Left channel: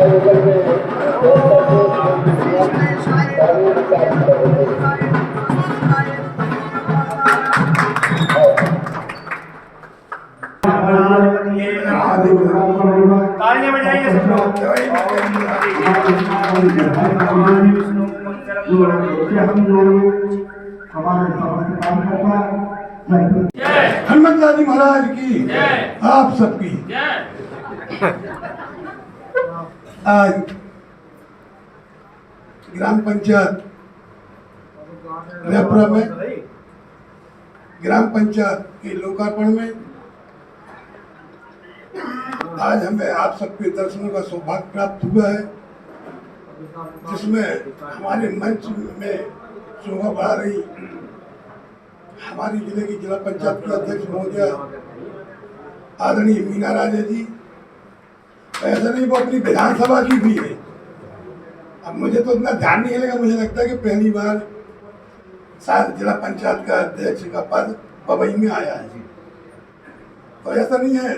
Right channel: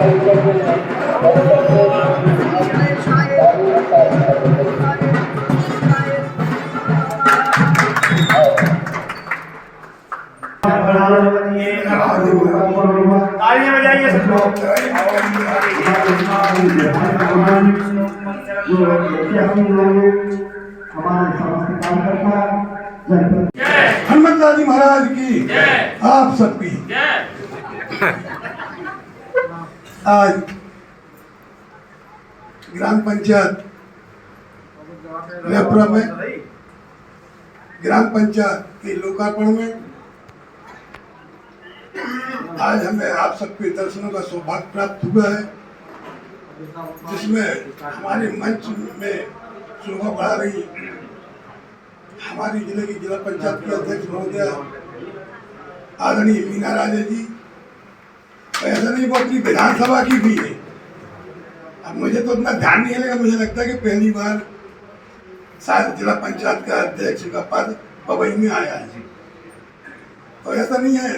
तालियां बजाइए सब लोग। हनुमंत जी महाराज की, आप सबकी आज ग्राम पंचायत रेपरा में ग्राम पंचायत के लोकार्पण में आज हमें आप सबके दर्शनों का सौभाग्य प्राप्त हुआ है, जिसमें हमारे मंच में शोभा बढ़ा रही हमारी जिले की जिला पंचायत की अध्यक्ष महोदया आदरणीय मीना राजे जी। ऐसा नहीं, वो अपनी विधानसभा की भी है। अब मुझे तो इतना ध्यान नहीं है, मुझे लगता है कि पहली बार शायद जिला पंचायत का अध्यक्ष का पद पवई में आया है। तो ऐसा नहीं है,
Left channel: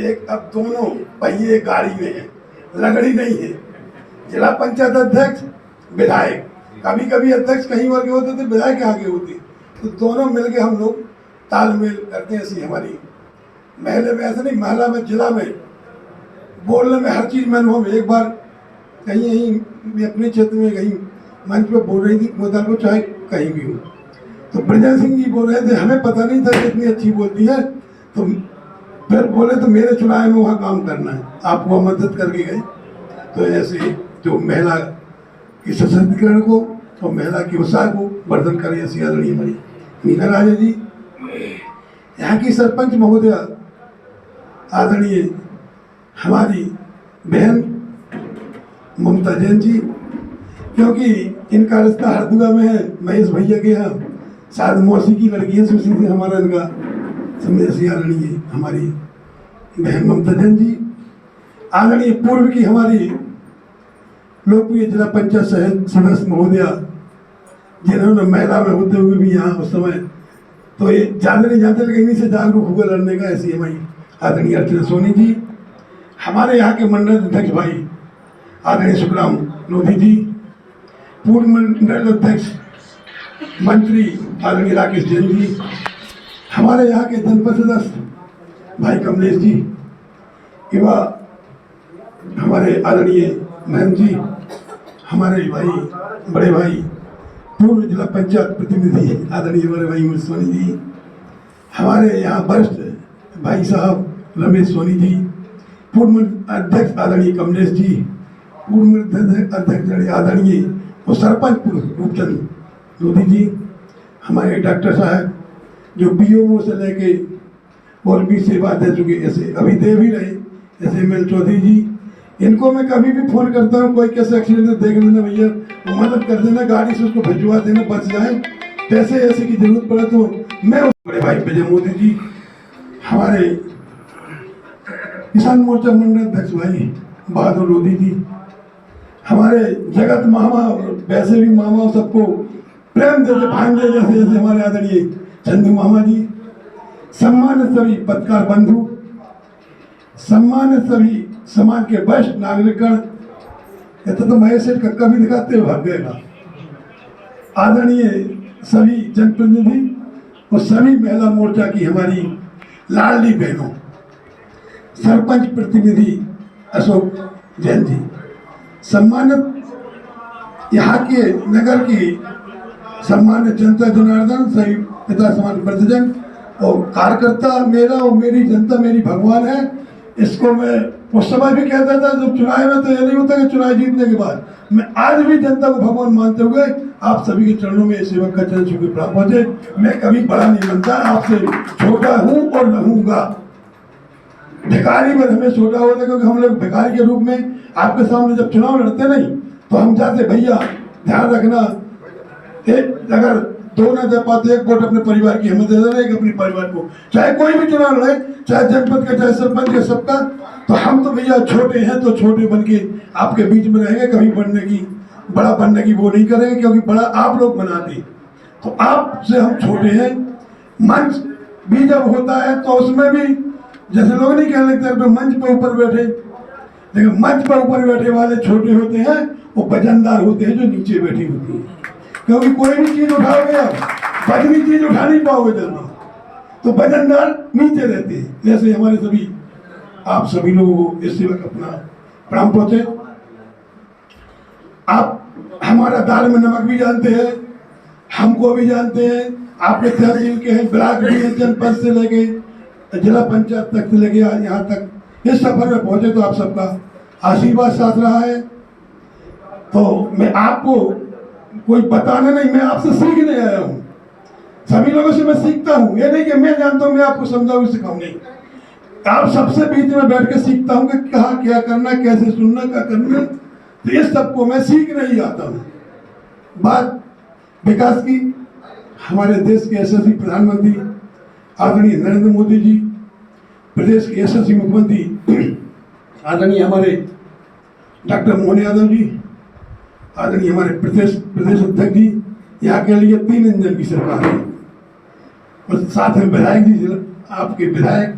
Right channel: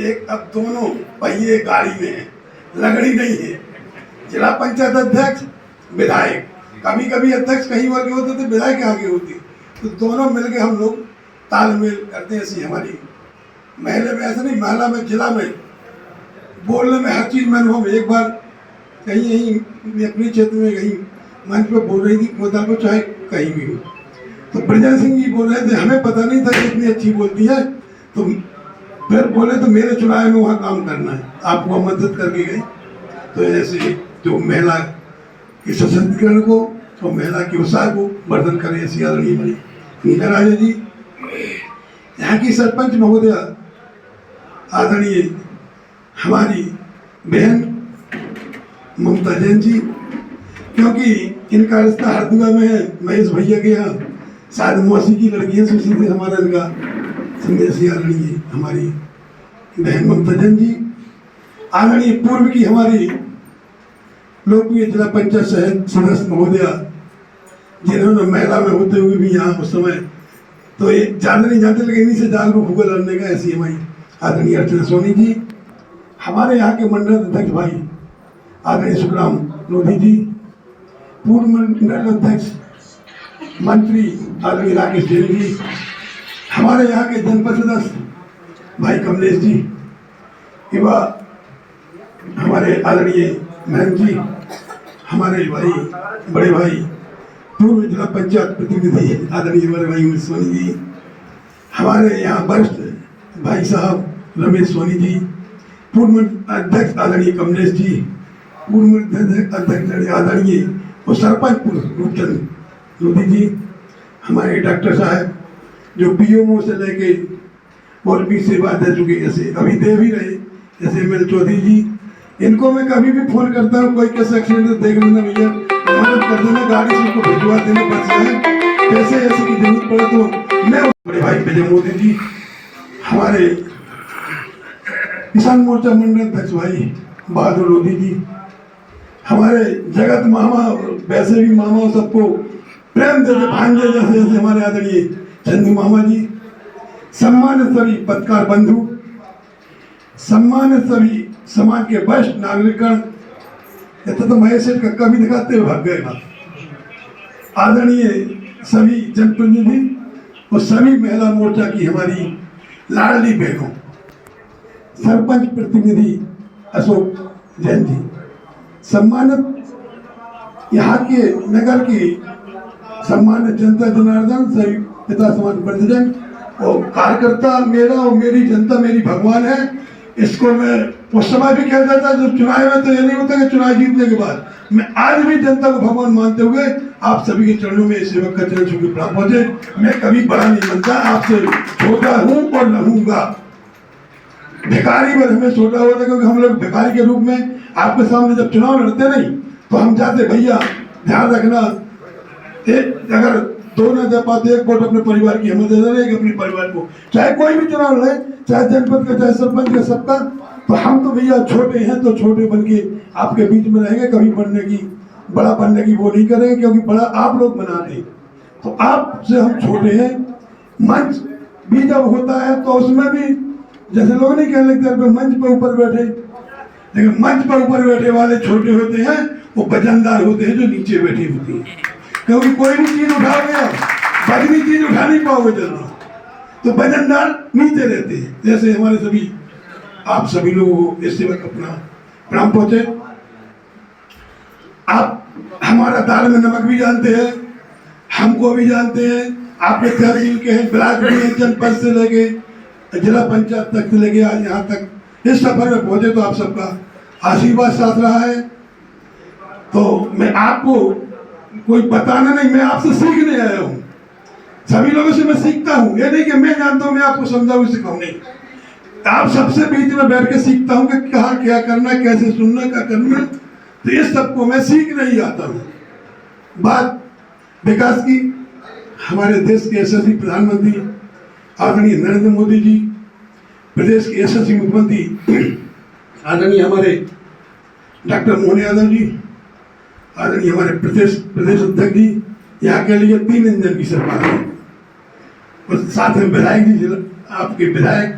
एक अब दोनों पहिए गाड़ी में है, लगड़ी नहीं है। जिला पंचायत अध्यक्ष विधायक, कभी कभी अध्यक्ष कहीं और के होते थे, विधायक आगे होते, तो दोनों मिलके हम लोग तालमेल करते हैं। ऐसी हमारी महिला में ऐसा नहीं, महिला में जिला में बोलने में हर चीज में अनुभव। एक बार कहीं अपने क्षेत्र में कहीं मंच पर बोल रही थी, मुद्दा चाहे कहीं भी हो, तो ब्रजन सिंह जी बोल रहे थे, हमें पता नहीं था कि इतनी अच्छी बोलती है, तो फिर बोले तो मेरे चुनाव में वहाँ काम करना है, आपको मदद करके गए। तो ऐसे जो महिला के सशक्तिकरण को और महिला की उत्साह को वर्धन करें, ऐसी आदरणीय हमारी मीना राजे जी। यहाँ की सरपंच महोदया आदरणीय हमारी बहन ममता जैन जी, क्योंकि इनका रिश्ता हरदुआ में है, महेश भैया के यहाँ शायद मौसी की लड़की है, उसी से हमारा इनका ऐसी आदरणीय हमारी बहन ममता जैन जी। आदरणीय पूर्व की हमारी लोकप्रिय जिला पंचायत सदस्य महोदया, जिन्होंने महिला में होते हुए भी यहाँ उस समय तो ये ज़्यादा नहीं जानते, लेकिन इन्हीं से जागरूक होकर लड़ने का, ऐसी हमारी आदरणीय अर्चना सोनी जी। हमारे यहाँ के मंडल अध्यक्ष भाई आदरणीय सुखराम लोधी जी, पूर्व मंडल अध्यक्ष मंत्री आदरणीय राकेश जैन जी, हमारे यहाँ के जनपद सदस्य भाई कमलेश जी, युवा हमारे आदरणीय महन जी, हमारे भाई बड़े भाई पूर्व जिला पंचायत प्रतिनिधि आदरणीय बड़े भाई सोनी जी, हमारे यहाँ वरिष्ठ भाई साहब रमेश सोनी जी, पूर्व अध्यक्ष आदरणीय कमलेश जी, पूर्व अध्यक्ष आदरणीय और सरपंच पूर्व रूपचंद लोधी जी, हमारे डॉक्टर साहब जो बीओमओ से लेके और भी सेवा दे चुके, ऐसे अभी दे भी रहे, जैसे एम एल चौधरी जी। इनको मैं कभी भी फोन करता हूँ, कोई कैसे एक्सीडेंट देख लेना भैया, मदद कर देना, गाड़ी से उसको भिजवा देना, बच जाए, पैसे ऐसे की जरूरत पड़े तो मैं। बड़े भाई विजय मोदी जी, हमारे किसान मोर्चा मंडल अध्यक्ष भाई बहादुर लोधी जी, हमारे जगत मामा, वैसे भी मामा सबको प्रेम देते भांजे जैसे जैसे हमारे आदरणीय चंदू मामा जी, सम्मानित सभी पत्रकार बंधु, सम्मानित सभी समाज के वरिष्ठ नागरिकगण, तो महेश सेठ कक्का भी दिखाते हुए भाग गए, आदरणीय सभी जनप्रतिनिधि और सभी महिला मोर्चा की हमारी लाडली बहनों, सरपंच प्रतिनिधि अशोक जैन जी, सम्मानित यहाँ के नगर की सम्मानित जनता जनार्दन, सभी पिता समान वृद्धजन और कार्यकर्ता, मेरा और मेरी जनता मेरी भगवान है। इसको मैं उस समय भी कहता था जब चुनाव में, तो ये नहीं होता कि चुनाव जीतने के बाद, मैं आज भी जनता को भगवान मानते हुए आप सभी के चरणों में सेवक का चरण छू के प्राप्त पहुंचे। मैं कभी बड़ा नहीं बनता, आपसे छोटा हूं और रहूंगा। भिखारी में हमें छोटा होता, क्योंकि हम लोग भिखारी के रूप में आपके सामने जब चुनाव लड़ते नहीं तो हम जाते, भैया ध्यान रखना, एक अगर दो ना दे पाते, एक वोट अपने परिवार की हमें दे देना, एक अपने परिवार को, चाहे कोई भी चुनाव लड़े, चाहे जनपद का, चाहे सरपंच का, सबका। तो हम तो भैया छोटे हैं, तो छोटे बन के आपके बीच में रहेंगे, कभी बनने की, बड़ा बनने की वो नहीं करेंगे, क्योंकि बड़ा आप लोग बनाते हैं, तो आपसे हम छोटे हैं। मंच भी जब होता है तो उसमें भी जैसे लोग नहीं कहने लगते मंच पे ऊपर बैठे, लेकिन मंच पर ऊपर बैठे वाले छोटे होते हैं, वो वजनदार होते हैं जो नीचे बैठी होती है, क्योंकि कोई भी चीज उठाओगे आप, वजनी चीज उठा नहीं पाओगे जल्दी, तो वजनदार नीचे रहते हैं। जैसे हमारे सभी आप सभी लोगों को इस वक्त अपना प्रणाम पहुंचे। आप हमारा दाल में नमक भी जानते हैं, हमको भी जानते हैं, आपके तहसील के हैं, ब्लॉक भी हैं, जनपद से लेके जिला पंचायत तक से लेके आज यहाँ तक इस सफर में पहुंचे, तो आप सबका आशीर्वाद साथ रहा है। तो मैं आपको कोई बताना नहीं, मैं आपसे सीखने आया हूँ, सभी लोगों से मैं सीखता हूँ। ये नहीं कि मैं जानता हूँ मैं आपको समझाऊँ सिखाऊँ, नहीं, आप सबसे बीच में बैठ के सीखता हूँ कि कहाँ क्या करना, कैसे सुनना, क्या करना। तो इस सबको मैं सीखने ही आता हूँ। बात विकास की, हमारे देश के यशस्वी प्रधानमंत्री आदरणीय नरेंद्र मोदी जी, प्रदेश के यशस्वी मुख्यमंत्री आदरणीय हमारे डॉक्टर मोहन यादव जी, आदरणीय हमारे प्रदेश अध्यक्ष जी, यहाँ के लिए 3 इंजन की सरकार है, और साथ में विधायक जी, आपके विधायक,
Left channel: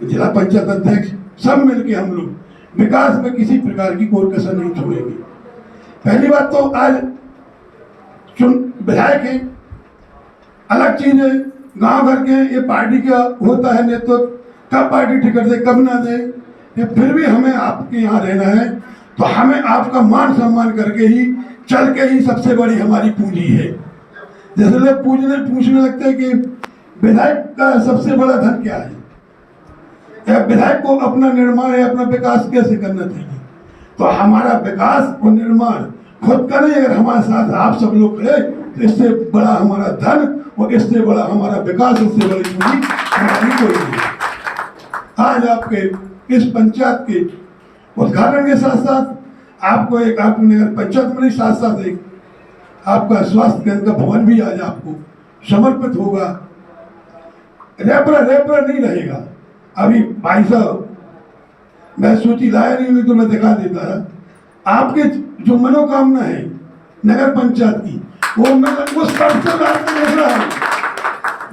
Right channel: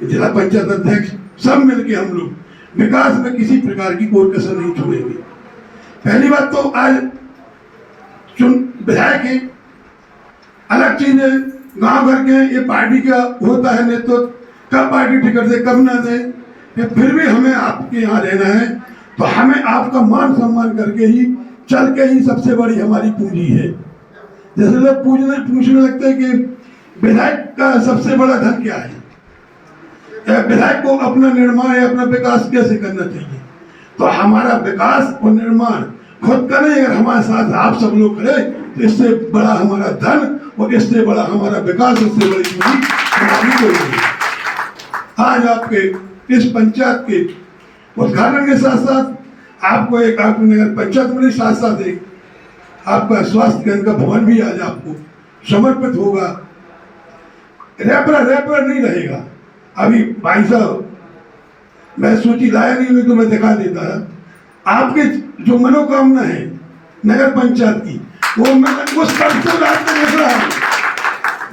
जिला पंचायत अध्यक्ष, सब मिलके हम लोग विकास में किसी प्रकार की कोई कसर नहीं छोड़ेंगे। पहली बात तो आज विधायक है, अलग चीज है, गांव घर के, ये पार्टी का होता है नेतृत्व, कब पार्टी टिकट दे कब ना दे, फिर भी हमें आपके यहाँ रहना है, तो हमें आपका मान सम्मान करके ही चल के ही सबसे बड़ी हमारी पूंजी है। जैसे लोग पूछने लगते हैं कि विधायक का सबसे बड़ा धन क्या है, विधायक को अपना निर्माण या अपना विकास कैसे करना चाहिए, तो हमारा विकास और निर्माण खुद का नहीं, अगर हमारे साथ आप सब लोग करें तो इससे बड़ा हमारा धन और इससे बड़ा हमारा विकास, इससे बड़ी पूंजी हमारी कोई नहीं। आज आपके इस पंचायत के उद्घाटन के साथ साथ आपको एक आपको नगर पंचायत में साथ साथ एक आपका स्वास्थ्य केंद्र का भवन भी आज आपको समर्पित होगा। रैपर नहीं रहेगा। अभी भाई साहब मैं सूची लाया नहीं हुई तो मैं दिखा देता है, आपके जो मनोकामना है नगर पंचायत की, वो मैं उस पर से देख रहा हूँ।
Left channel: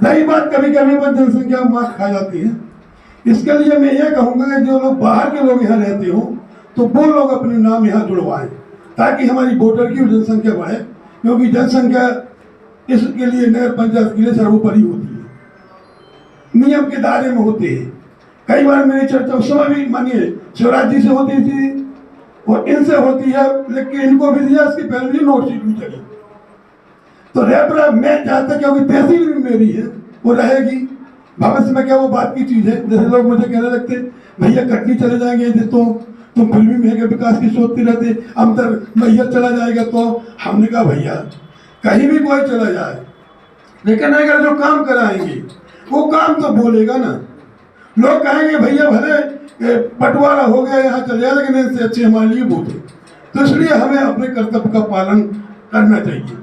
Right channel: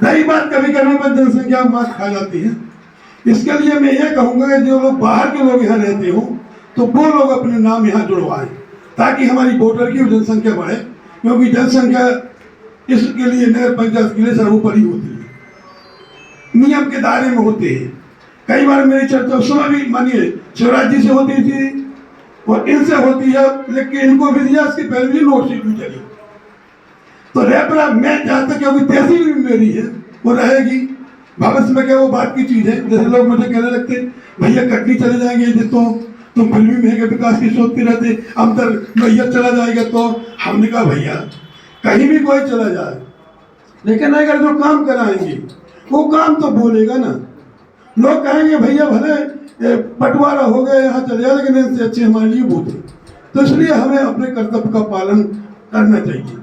रही बात कभी कभी जनसंख्या मात खा जाती है, इसके लिए मैं ये कहूँगा कि जो लोग बाहर के लोग यहाँ रहते हो तो वो लोग अपने नाम यहाँ जुड़वाएं, ताकि हमारी वोटर की जनसंख्या बढ़े, क्योंकि जनसंख्या इसके लिए नगर पंचायत के लिए सर्वोपरि होती है, नियम के दायरे में होते हैं। कई बार मेरी चर्चा उस समय भी मानिए शिवराज जी से होती थी और इनसे होती है, लेकिन इनको भी दिया, इसके पहले भी नोटशीट भी चली। तो रेपरा मैं जहाँ तक क्योंकि तहसील भी मेरी है, वो रहेगी भविष्य में, क्या वो बात की चीज है। जैसे लोग मुझे कहने लगते भैया कटनी चले जाएंगे तो तुम फिर भी महंगे विकास की सोचते रहते, अंतर मैयर चला जाएगा, तो हमने कहा भैया कहीं भी कोई चला जाए, लेकिन अगर जो काम कराएंगे वो काम तो बोलेगा ना। लोग कहेंगे भैया भले बंटवारा हो गया यहाँ चले जाए, लेकिन इससे अच्छे हमारे लिए वो थे। तो इसलिए हमें अपने कर्तव्य का पालन करना चाहिए।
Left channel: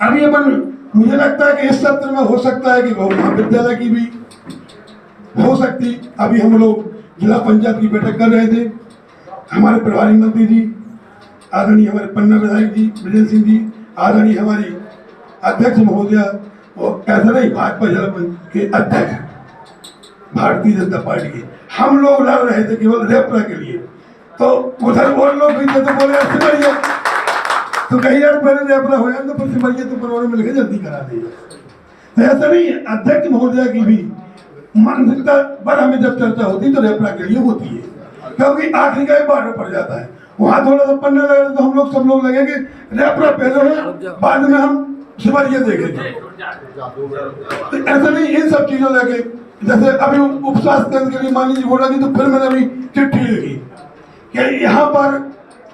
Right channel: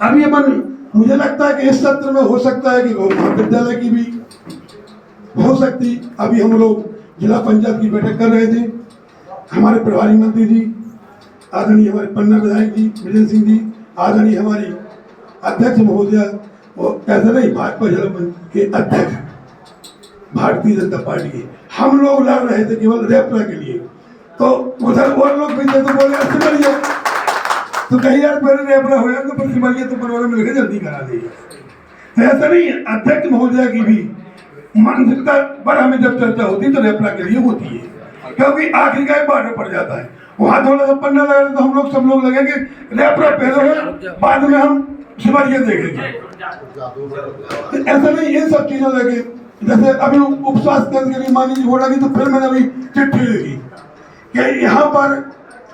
अभी अपन मुझे लगता है कि इस सत्र में हो सकता है कि महाविद्यालय की भी हो सकती। अभी हम लोग जिला पंचायत की बैठक कर रहे थे, हमारे प्रभारी मंत्री जी आदरणीय हमारे पन्ना विधायक जी ब्रजेंद्र सिंह जी, आदरणीय हमारी अध्यक्ष महोदया और ऐसा नहीं भाजपा जिला के अध्यक्ष भारतीय जनता पार्टी के, हम लोग लड़ रहे थे केवल रेपरा के लिए। तो उधर वो लोग भी थे तो बोले सिमरिया, तो कहीं यार पहले रेपरा हो जाए तो फिर सिमरिया तो परिवार मिलकर जल्दी करा देंगे। तो ऐसा नहीं है, अध्यक्ष महोदया की भी मानसिकता पर हमें जब चर्चा होती है तो रेपरा के लिए होती है, क्योंकि आखिरी का एक बॉर्डर पड़ जाता है, वहाँ थोड़ा सा पन्ना लगा तो हम लोग सब लोग लगेंगे रेपरा पहले है, बाद में हम सिमरिया देखेंगे। तो ऐसा नहीं, इन सब चीजों लगे। जैसे अभी उप स्वास्थ्य केंद्र के लिए मान लीजिए बोला कि तो फिर मैंने अभी चिट्ठी लिखी कि यहाँ पर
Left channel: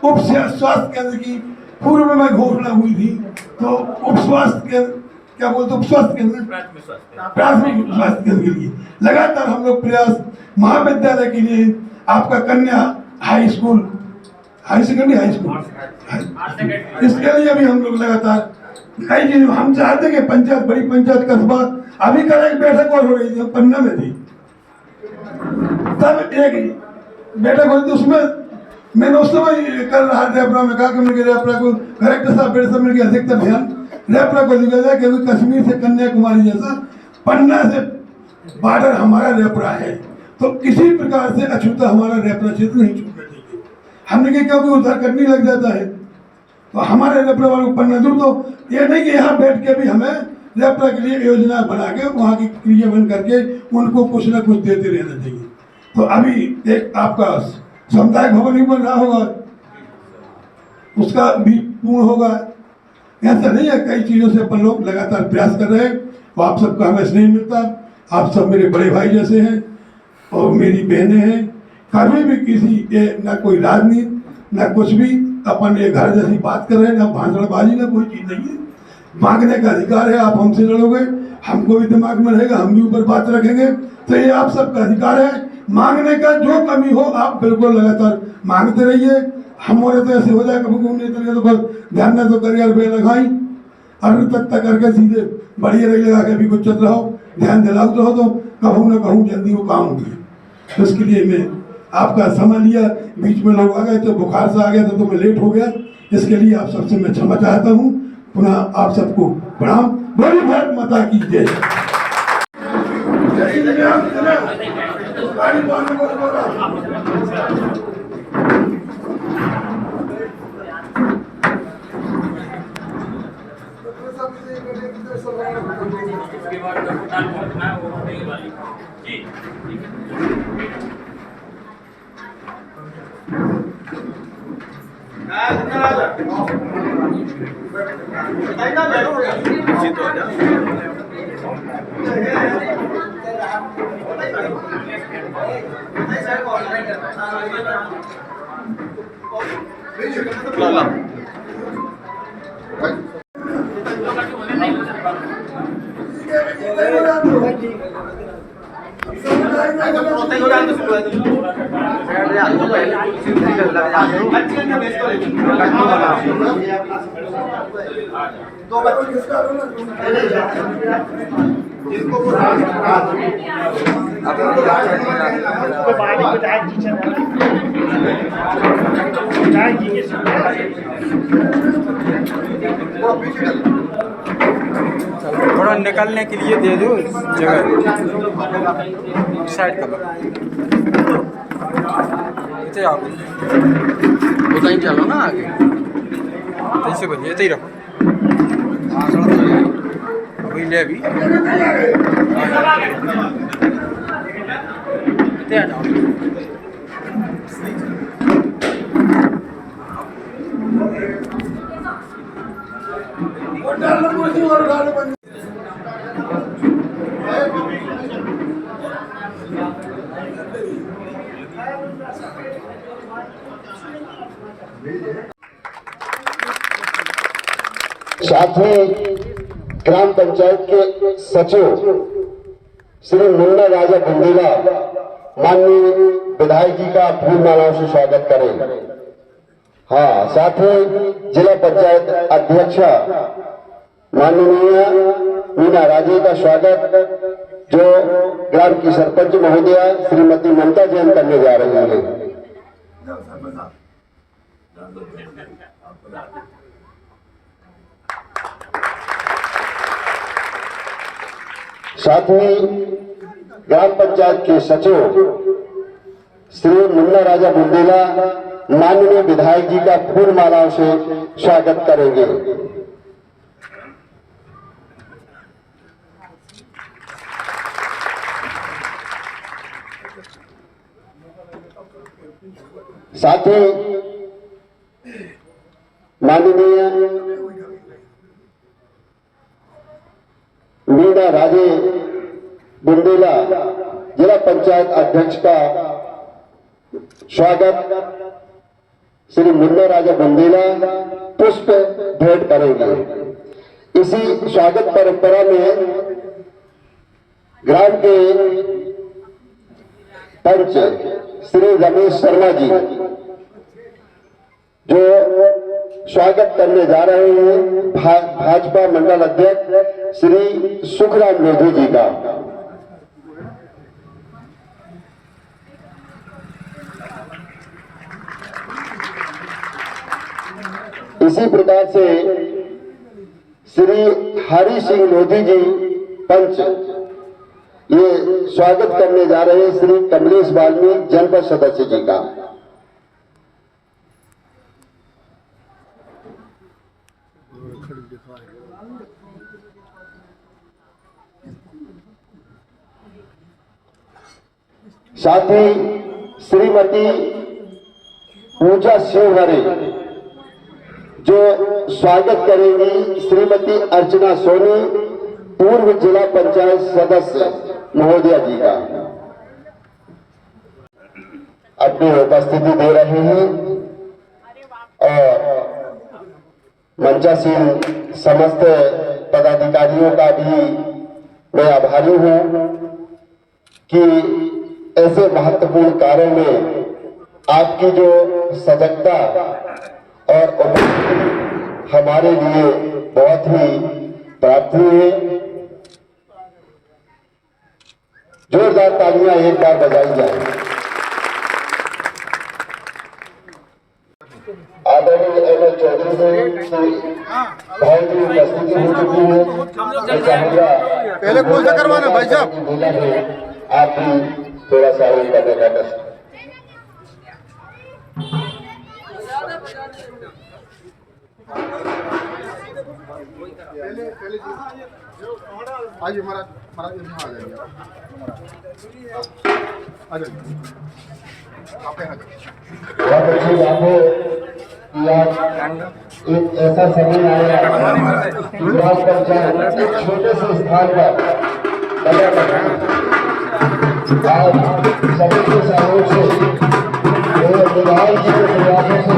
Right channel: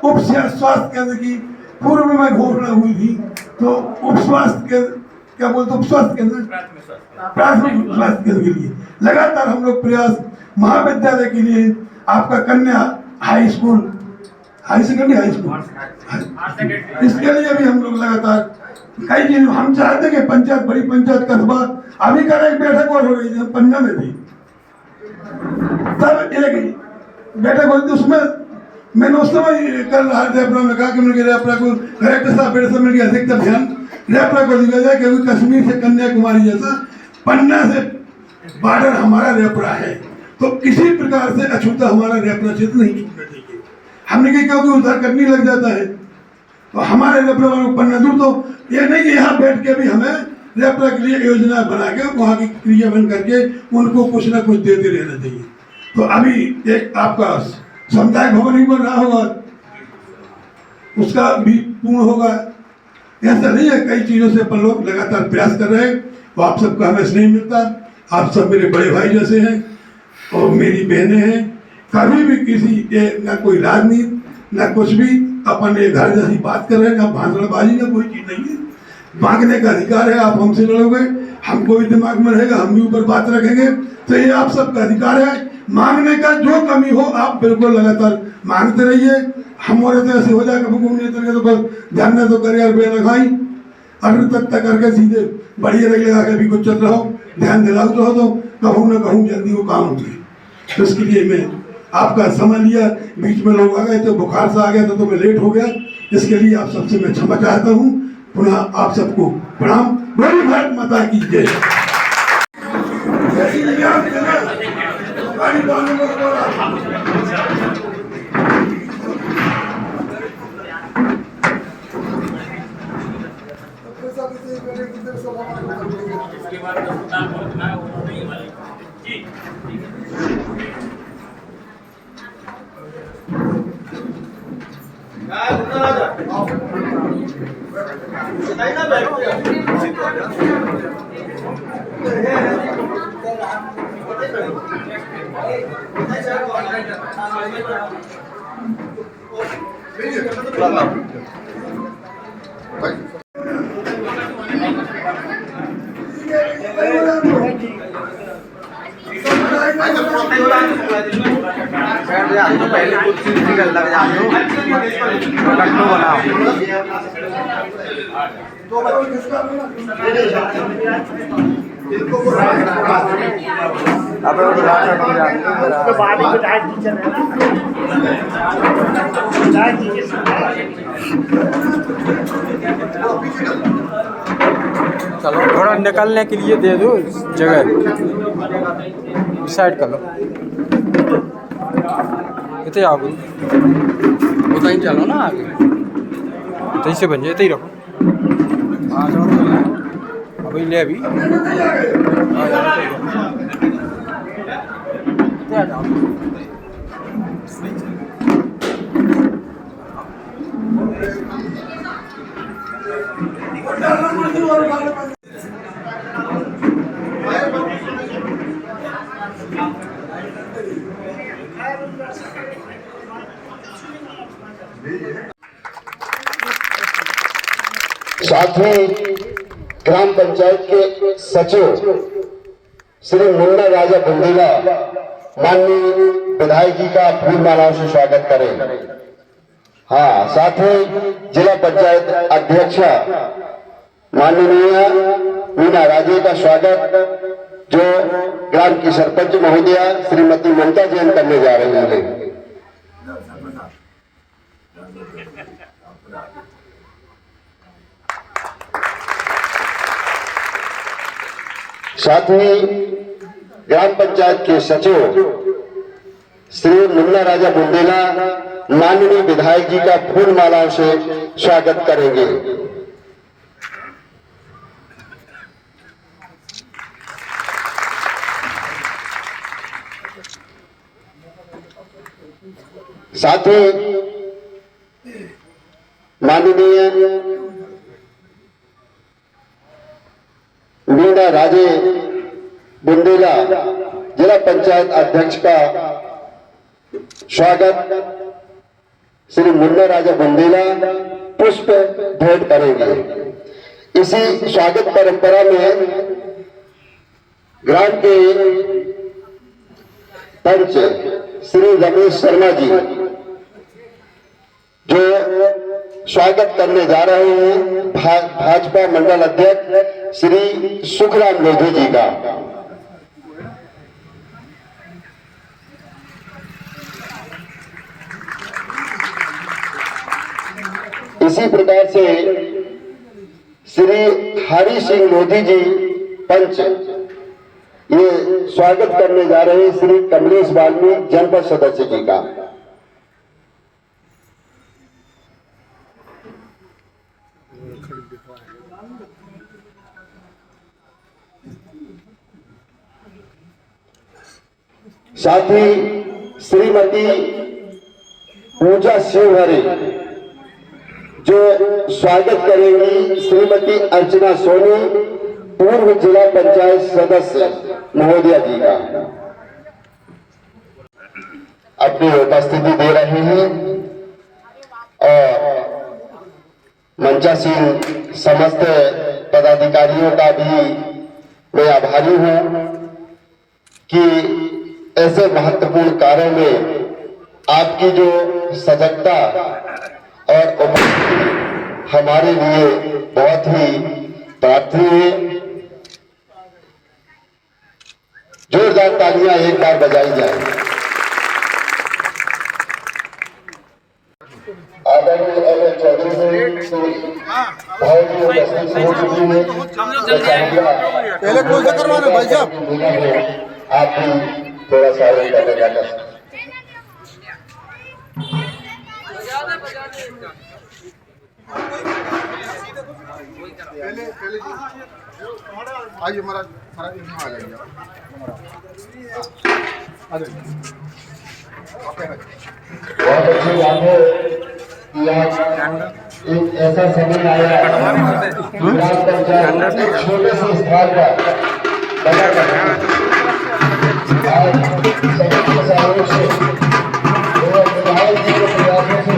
उप स्वास्थ्य केंद्र की पूर्व में घोषणा हुई थी, तो उप स्वास्थ्य केंद्र क्या बोलते उप स्वास्थ्य केंद्र प्राथमिक स्वास्थ्य केंद्र के लिए लगातार हम लोग प्रयास, महाविद्यालय के लिए आपका कन्या high school, high secondary high school, इसके लिए भी हम लोग लगातार कई चीज हम चाहते कि पंचायत बड़ी पंचायत कस्बा, अभी कल एक बैठक और हो रही थी पन्ना में थी, तब एक बैठक हो रही थी, उसमें मैंने उस समय कल रेपरा में कहा कि मुझे रेपरा को कलेक्टर साहब मेरे समय की अधिकता ध्यान रेपरा को दिया जाए, क्योंकि कश्मीर से कन्याकुमारी जैसा पन्ना से बॉर्डर हमारा रेपरा है, तो किसी प्रकार से अछूता हमारा रेपरा क्षेत्र नहीं छूटना चाहिए। हमने कहा क्योंकि उद्धार करनी लग जाता है, तो हमारे रेपरा वालों को नजर तो ये नहीं कि यहाँ बैठ के भी हमें रेपरा के लिए योजना बना के वहाँ की क्रियान्वयन करके उनको कुछ ना कुछ देते रहना चाहिए। तो अभी एक आपका सामुदायिक भवन भी बन रहा होगा, उसका भी पूर्ण होगा। ऐसा नहीं है, कई चीज़ों से अपन लोग लगातार प्रयास कर रहे हैं। तो आप सबका हमें स्नेह मिलता, आप सब मेरे बड़े भाई जैसे हैं और मेरी बहनें हैं। कभी भी किसी ना कोई राजनीति ना कुछ भी, अपन एक घर जैसी बात कर रहे हैं, ना भाषणबाजी ना कोई चीज़ नहीं है। मांगने का अधिकार है, आप हमसे लड़ोगे, हमको भी दिमाग में रहेगा, हम भी ऊपर बात रखेंगे, तो ये आप सबका अधिकार है। मांगने का जो कमी हो आप बिल्कुल लगातार मांगते रहिए। हमारे तो ऐसे हो जाए कभी तो बस ध्यान न तो कर यार बे लगाई अगर तक करके सीधे बढ़िया रही लगा के भी कुछ चल रहा हो, ध्यान दिलाओ तो कहूँ ना कहूँ जल्दी वो काम होगी। तो इसके लिए मैं आपका समय लिया, बीच में लोग आ गए थे, बुखार से आ गया तो मैं लेट हो गया, इसके लिए आप सबसे मैं क्षमा चाहता हूँ। पुनः आप सबको प्रणाम। बड़ी भारत माता की जय। इसके बाद पहुंचना है वो नहीं वाली जी। चलो थोड़ा निकलने के लिए दे दो जगह, डिसाइड कर लो इतने आगे वो कहीं चलो ना आगे इतने से बन जाए, इतने ही रखो अभी ले अभी इतने आ जाओ। साथ ही ग्राम पंचायत के सचिव श्री मुन्ना राजा बुंदेला माननीय विधायक जी का फूल मालाओं से स्वागत करें। हाँ, साथ ही जिला पंचायत अध्यक्ष माननीय मीना राजे का स्वागत जो ग्राम की सरपंच महोदया श्रीमती ममता जैन करने जा रही हैं। साथ ही ग्राम पंचायत के सचिव श्री मुन्ना राजा बुंदेला माननीय विधायक जी का फूल मालाओं से स्वागत करेंगे। साथ ही माननीय मीना राजे बुंदेला जिला पंचायत अध्यक्ष का स्वागत श्री मुन्ना राजा बुंदेला पुष्प भेंट करेंगे। इसी स्वागत परंपरा में ग्राम के पंच श्री रमेश शर्मा जी जो स्वागत करने जा रहे हैं भाजपा मंडल अध्यक्ष श्री सुखराम लोधी जी का। इसी प्रकार से श्री हरि सिंह लोधी जी पंच ये स्वागत करने जा रहे हैं श्री कमलेश वाल्मीकि जनपद सदस्य जी का। साथ ही श्रीमती पूजा शिवहरे जो स्वागत करेंगी श्रीमती अर्चना सोनी, पूर्व जिला पंचायत सदस्य महोदया जी का। अपनी उपस्थिति दे रहे हैं और मंचासीन समस्त पदाधिकारियों का भी मैं आभारी हूं कि ऐसे महत्वपूर्ण कार्यों में आपकी जो सजगता और उपस्थिति हमारे लिए बहुत ही प्रार्थनीय है। जोरदार तालियां एक बार बजाई जाए। आदरणीय एमएल चौधरी से भाई की उपस्थिति हो चुकी है। पहले कौन सा करवाना भाई साहब? आप भी थोड़ा सा करने का कर सकते। आइए महाराज, महाराज यहाँ आ जाइए, आ जाइए। बहुत अच्छी बात है कि आज एक ऐसा समय आया ग्राम पंचायत एक छोटे से स्थान पर आज सभी के सहयोग से विधायक जी के प्रयासों से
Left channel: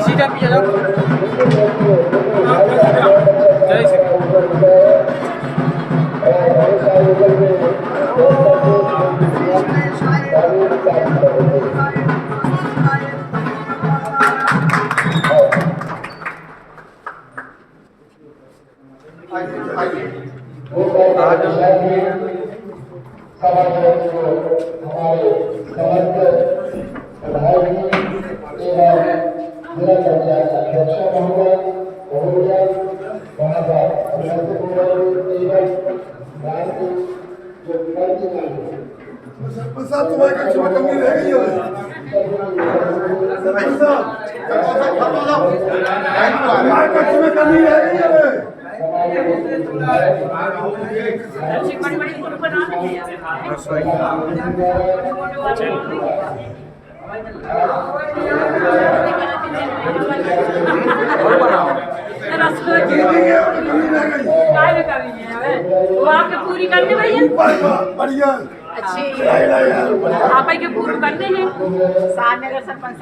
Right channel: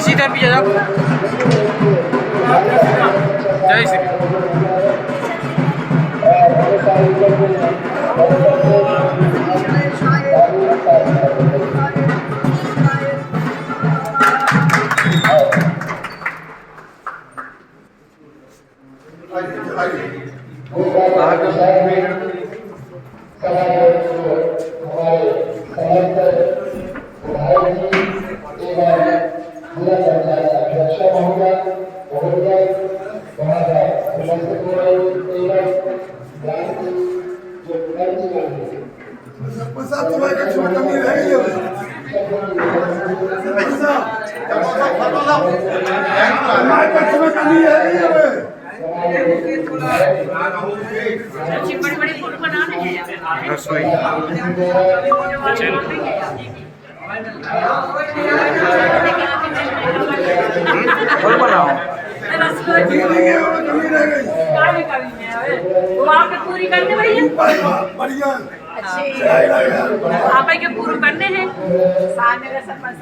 सीधा पीछे जाओ। जय श्री पूरी करने बढ़िया अच्छी आप के पूरी करने हैं सामने सरपंच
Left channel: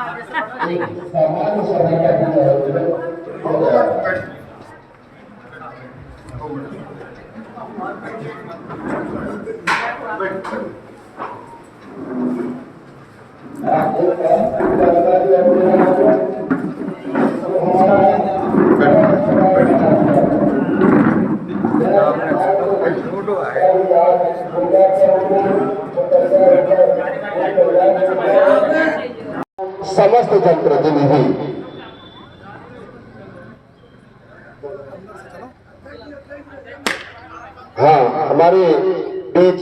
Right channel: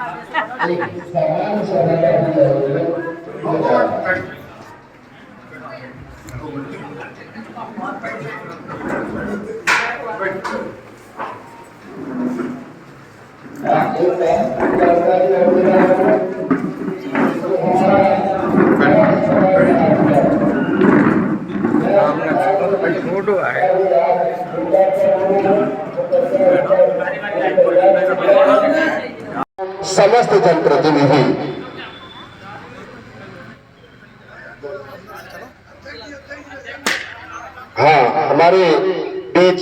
समस्त जनप्रतिनिधि हमारे बीच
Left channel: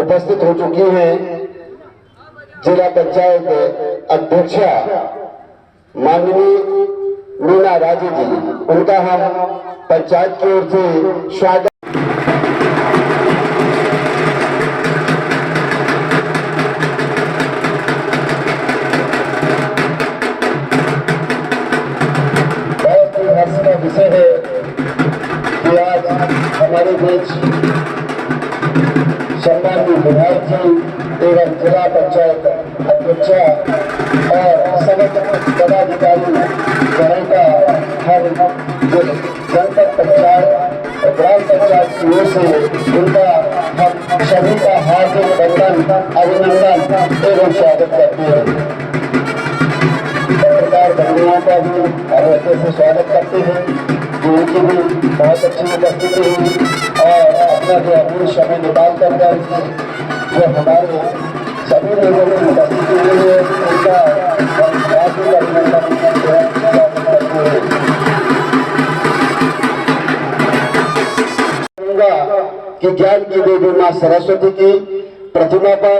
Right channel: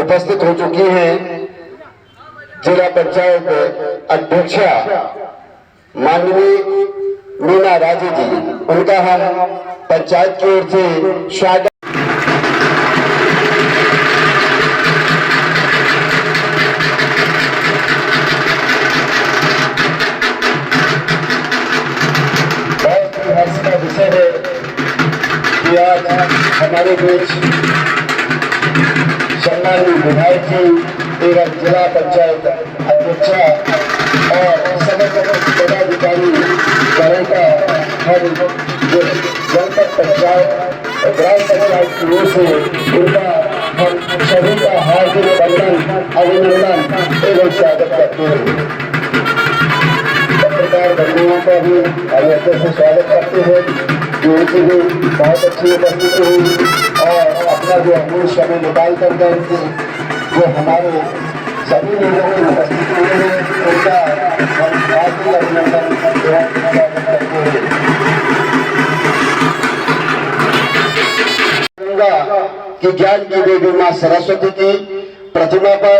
उपस्थित हो चुकी हैं जिला पंचायत अध्यक्षा माननीय मीना राजे जी। उनका हम पंचायत की ओर से स्वागत हमारे बीच सम्मानित विधायक जी एवं जिला पंचायत अध्यक्षा और समस्त पदाधिकारी गणों का हर जनपद पंचायत और ग्राम पंचायत की ओर से उनका हम सभी का हार्दिक अभिनंदन एवं स्वागत करते हैं। पत्रकार बंधुओं का भी हम अच्छे से स्वागत करते हैं, जो उनकी भी बहुत अच्छी उपस्थिति हुई और अपना जो अमूल्य समय निकाल कर जो हमारे सभी लोगों की उपस्थिति हुई है, उनका हम हार्दिक अभिनंदन स्वागत करते हैं। कि ज्ञान की देवी मां सरस्वती की प्रतिमा पर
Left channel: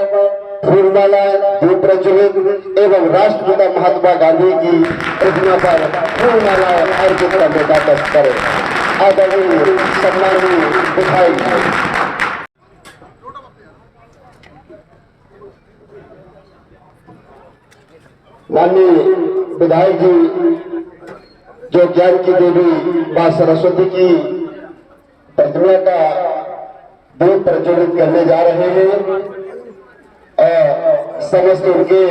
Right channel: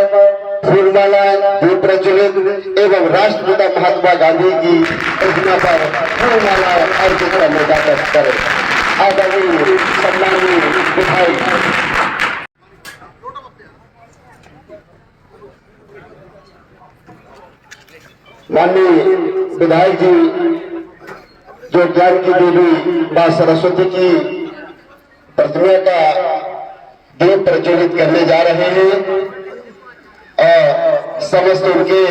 फूलमाला दीप प्रज्वलित एवं राष्ट्रपिता महात्मा गांधी की प्रतिमा पर फूलमाला अर्पित करने का कष्ट करें। आदरणीय सम्माननीय विधायक माननीय विधायक जी जो ज्ञान की देवी मां सरस्वती की प्रतिमा का दीप प्रज्वलित करने जा रहे हैं और समस्त उनके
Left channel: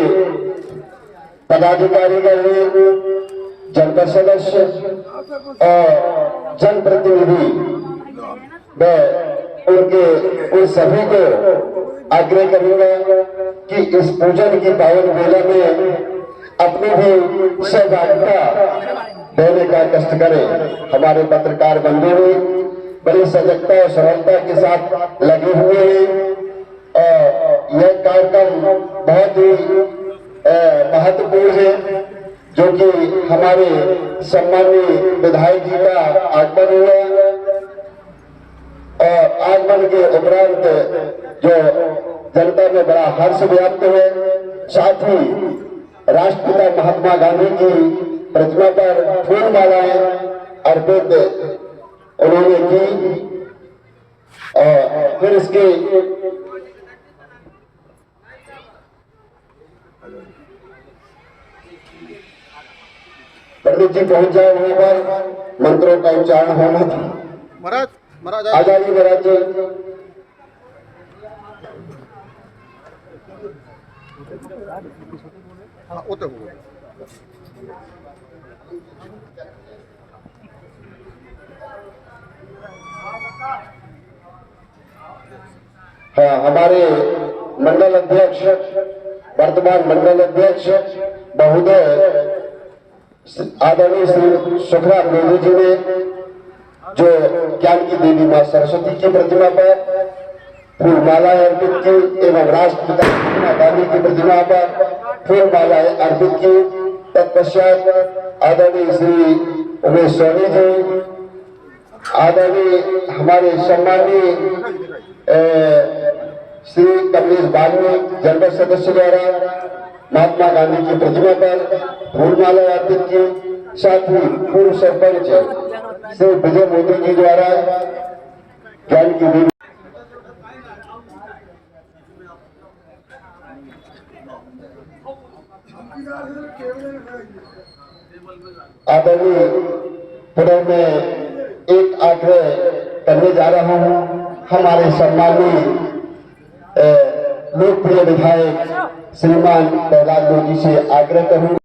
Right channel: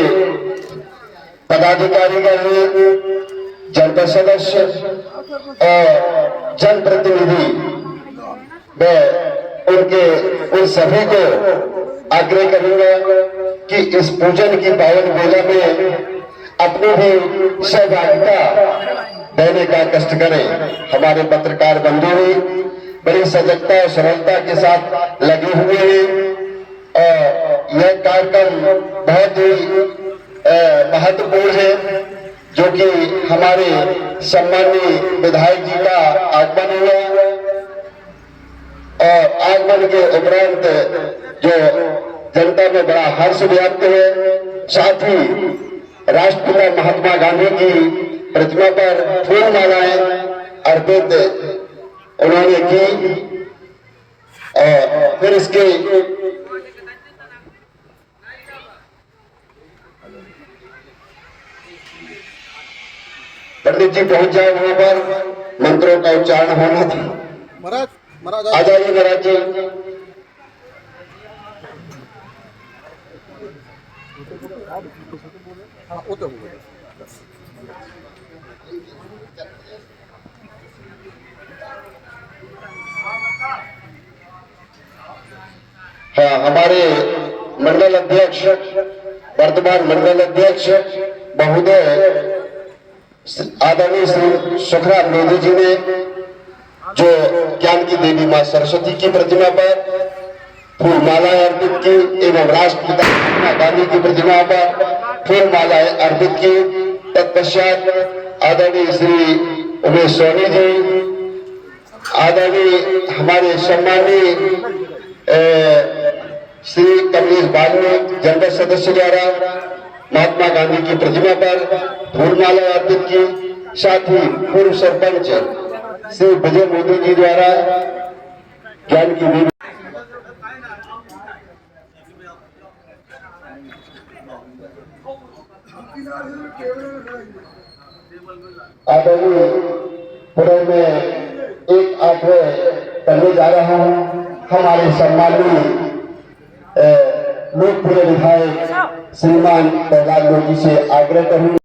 पदाधिकारीगण, जनपद सदस्य और जनप्रतिनिधि, मैं उनके उन सभी को आग्रह करूंगा कि इस पूजन की पावन बेला में अपनी भी सहभागिता देने का कष्ट करें। हमारे पत्रकार बंधु भी बड़ी सजगता और सरलता के साथ लगे हुए हैं और यह कार्यक्रम बहुत ही महत्वपूर्ण है, जो कि हमारे सम्माननीय विधायक जी का आगमन हुआ और आगमन के उपरांत जो जनता में बड़ा हर्ष व्याप्त है। साथ ही राष्ट्रपिता महात्मा गांधी की प्रतिमा पर फूलमालाएं अर्पित उन्होंने की और फिर इसके पंडित जी पहुंच जाए वहां पर, मंत्रों का उच्चारण होना था। महाराज महाराज आ जाइए महाराज जी। हाँ वो तो हुआ। हाँ, हमारे मंडल अध्यक्ष, वर्तमान मंडल अध्यक्ष महोदय आदरणीय श्री सुखराम लोधी जी ने जो ज्ञान की देवी मां सरस्वती की प्रतिमा पर फूलमालाएं अर्पित की एवं राष्ट्रपिता महात्मा गांधी की प्रतिमा पर फूलमालाएं अर्पित की। तत्पश्चात आदरणीय श्री उमेश सोनी जी, आदरणीय हमारे सम्मानीय श्री कमलेश वाल्मीकि जनपद सदस्य द्वारा महात्मा गांधी की प्रतिमा पर फूलमाला अर्पित की। साथ ही पूर्व सरपंच श्री विजय मोदी जी द्वारा ज्ञान की देवी आदरणीय पुणे में एक आग्रह करने जा रहा हूं। हमारे सम्मानीय लोकप्रिय विधायक श्रीमान प्रहलाद लोधी से आग्रह करूं।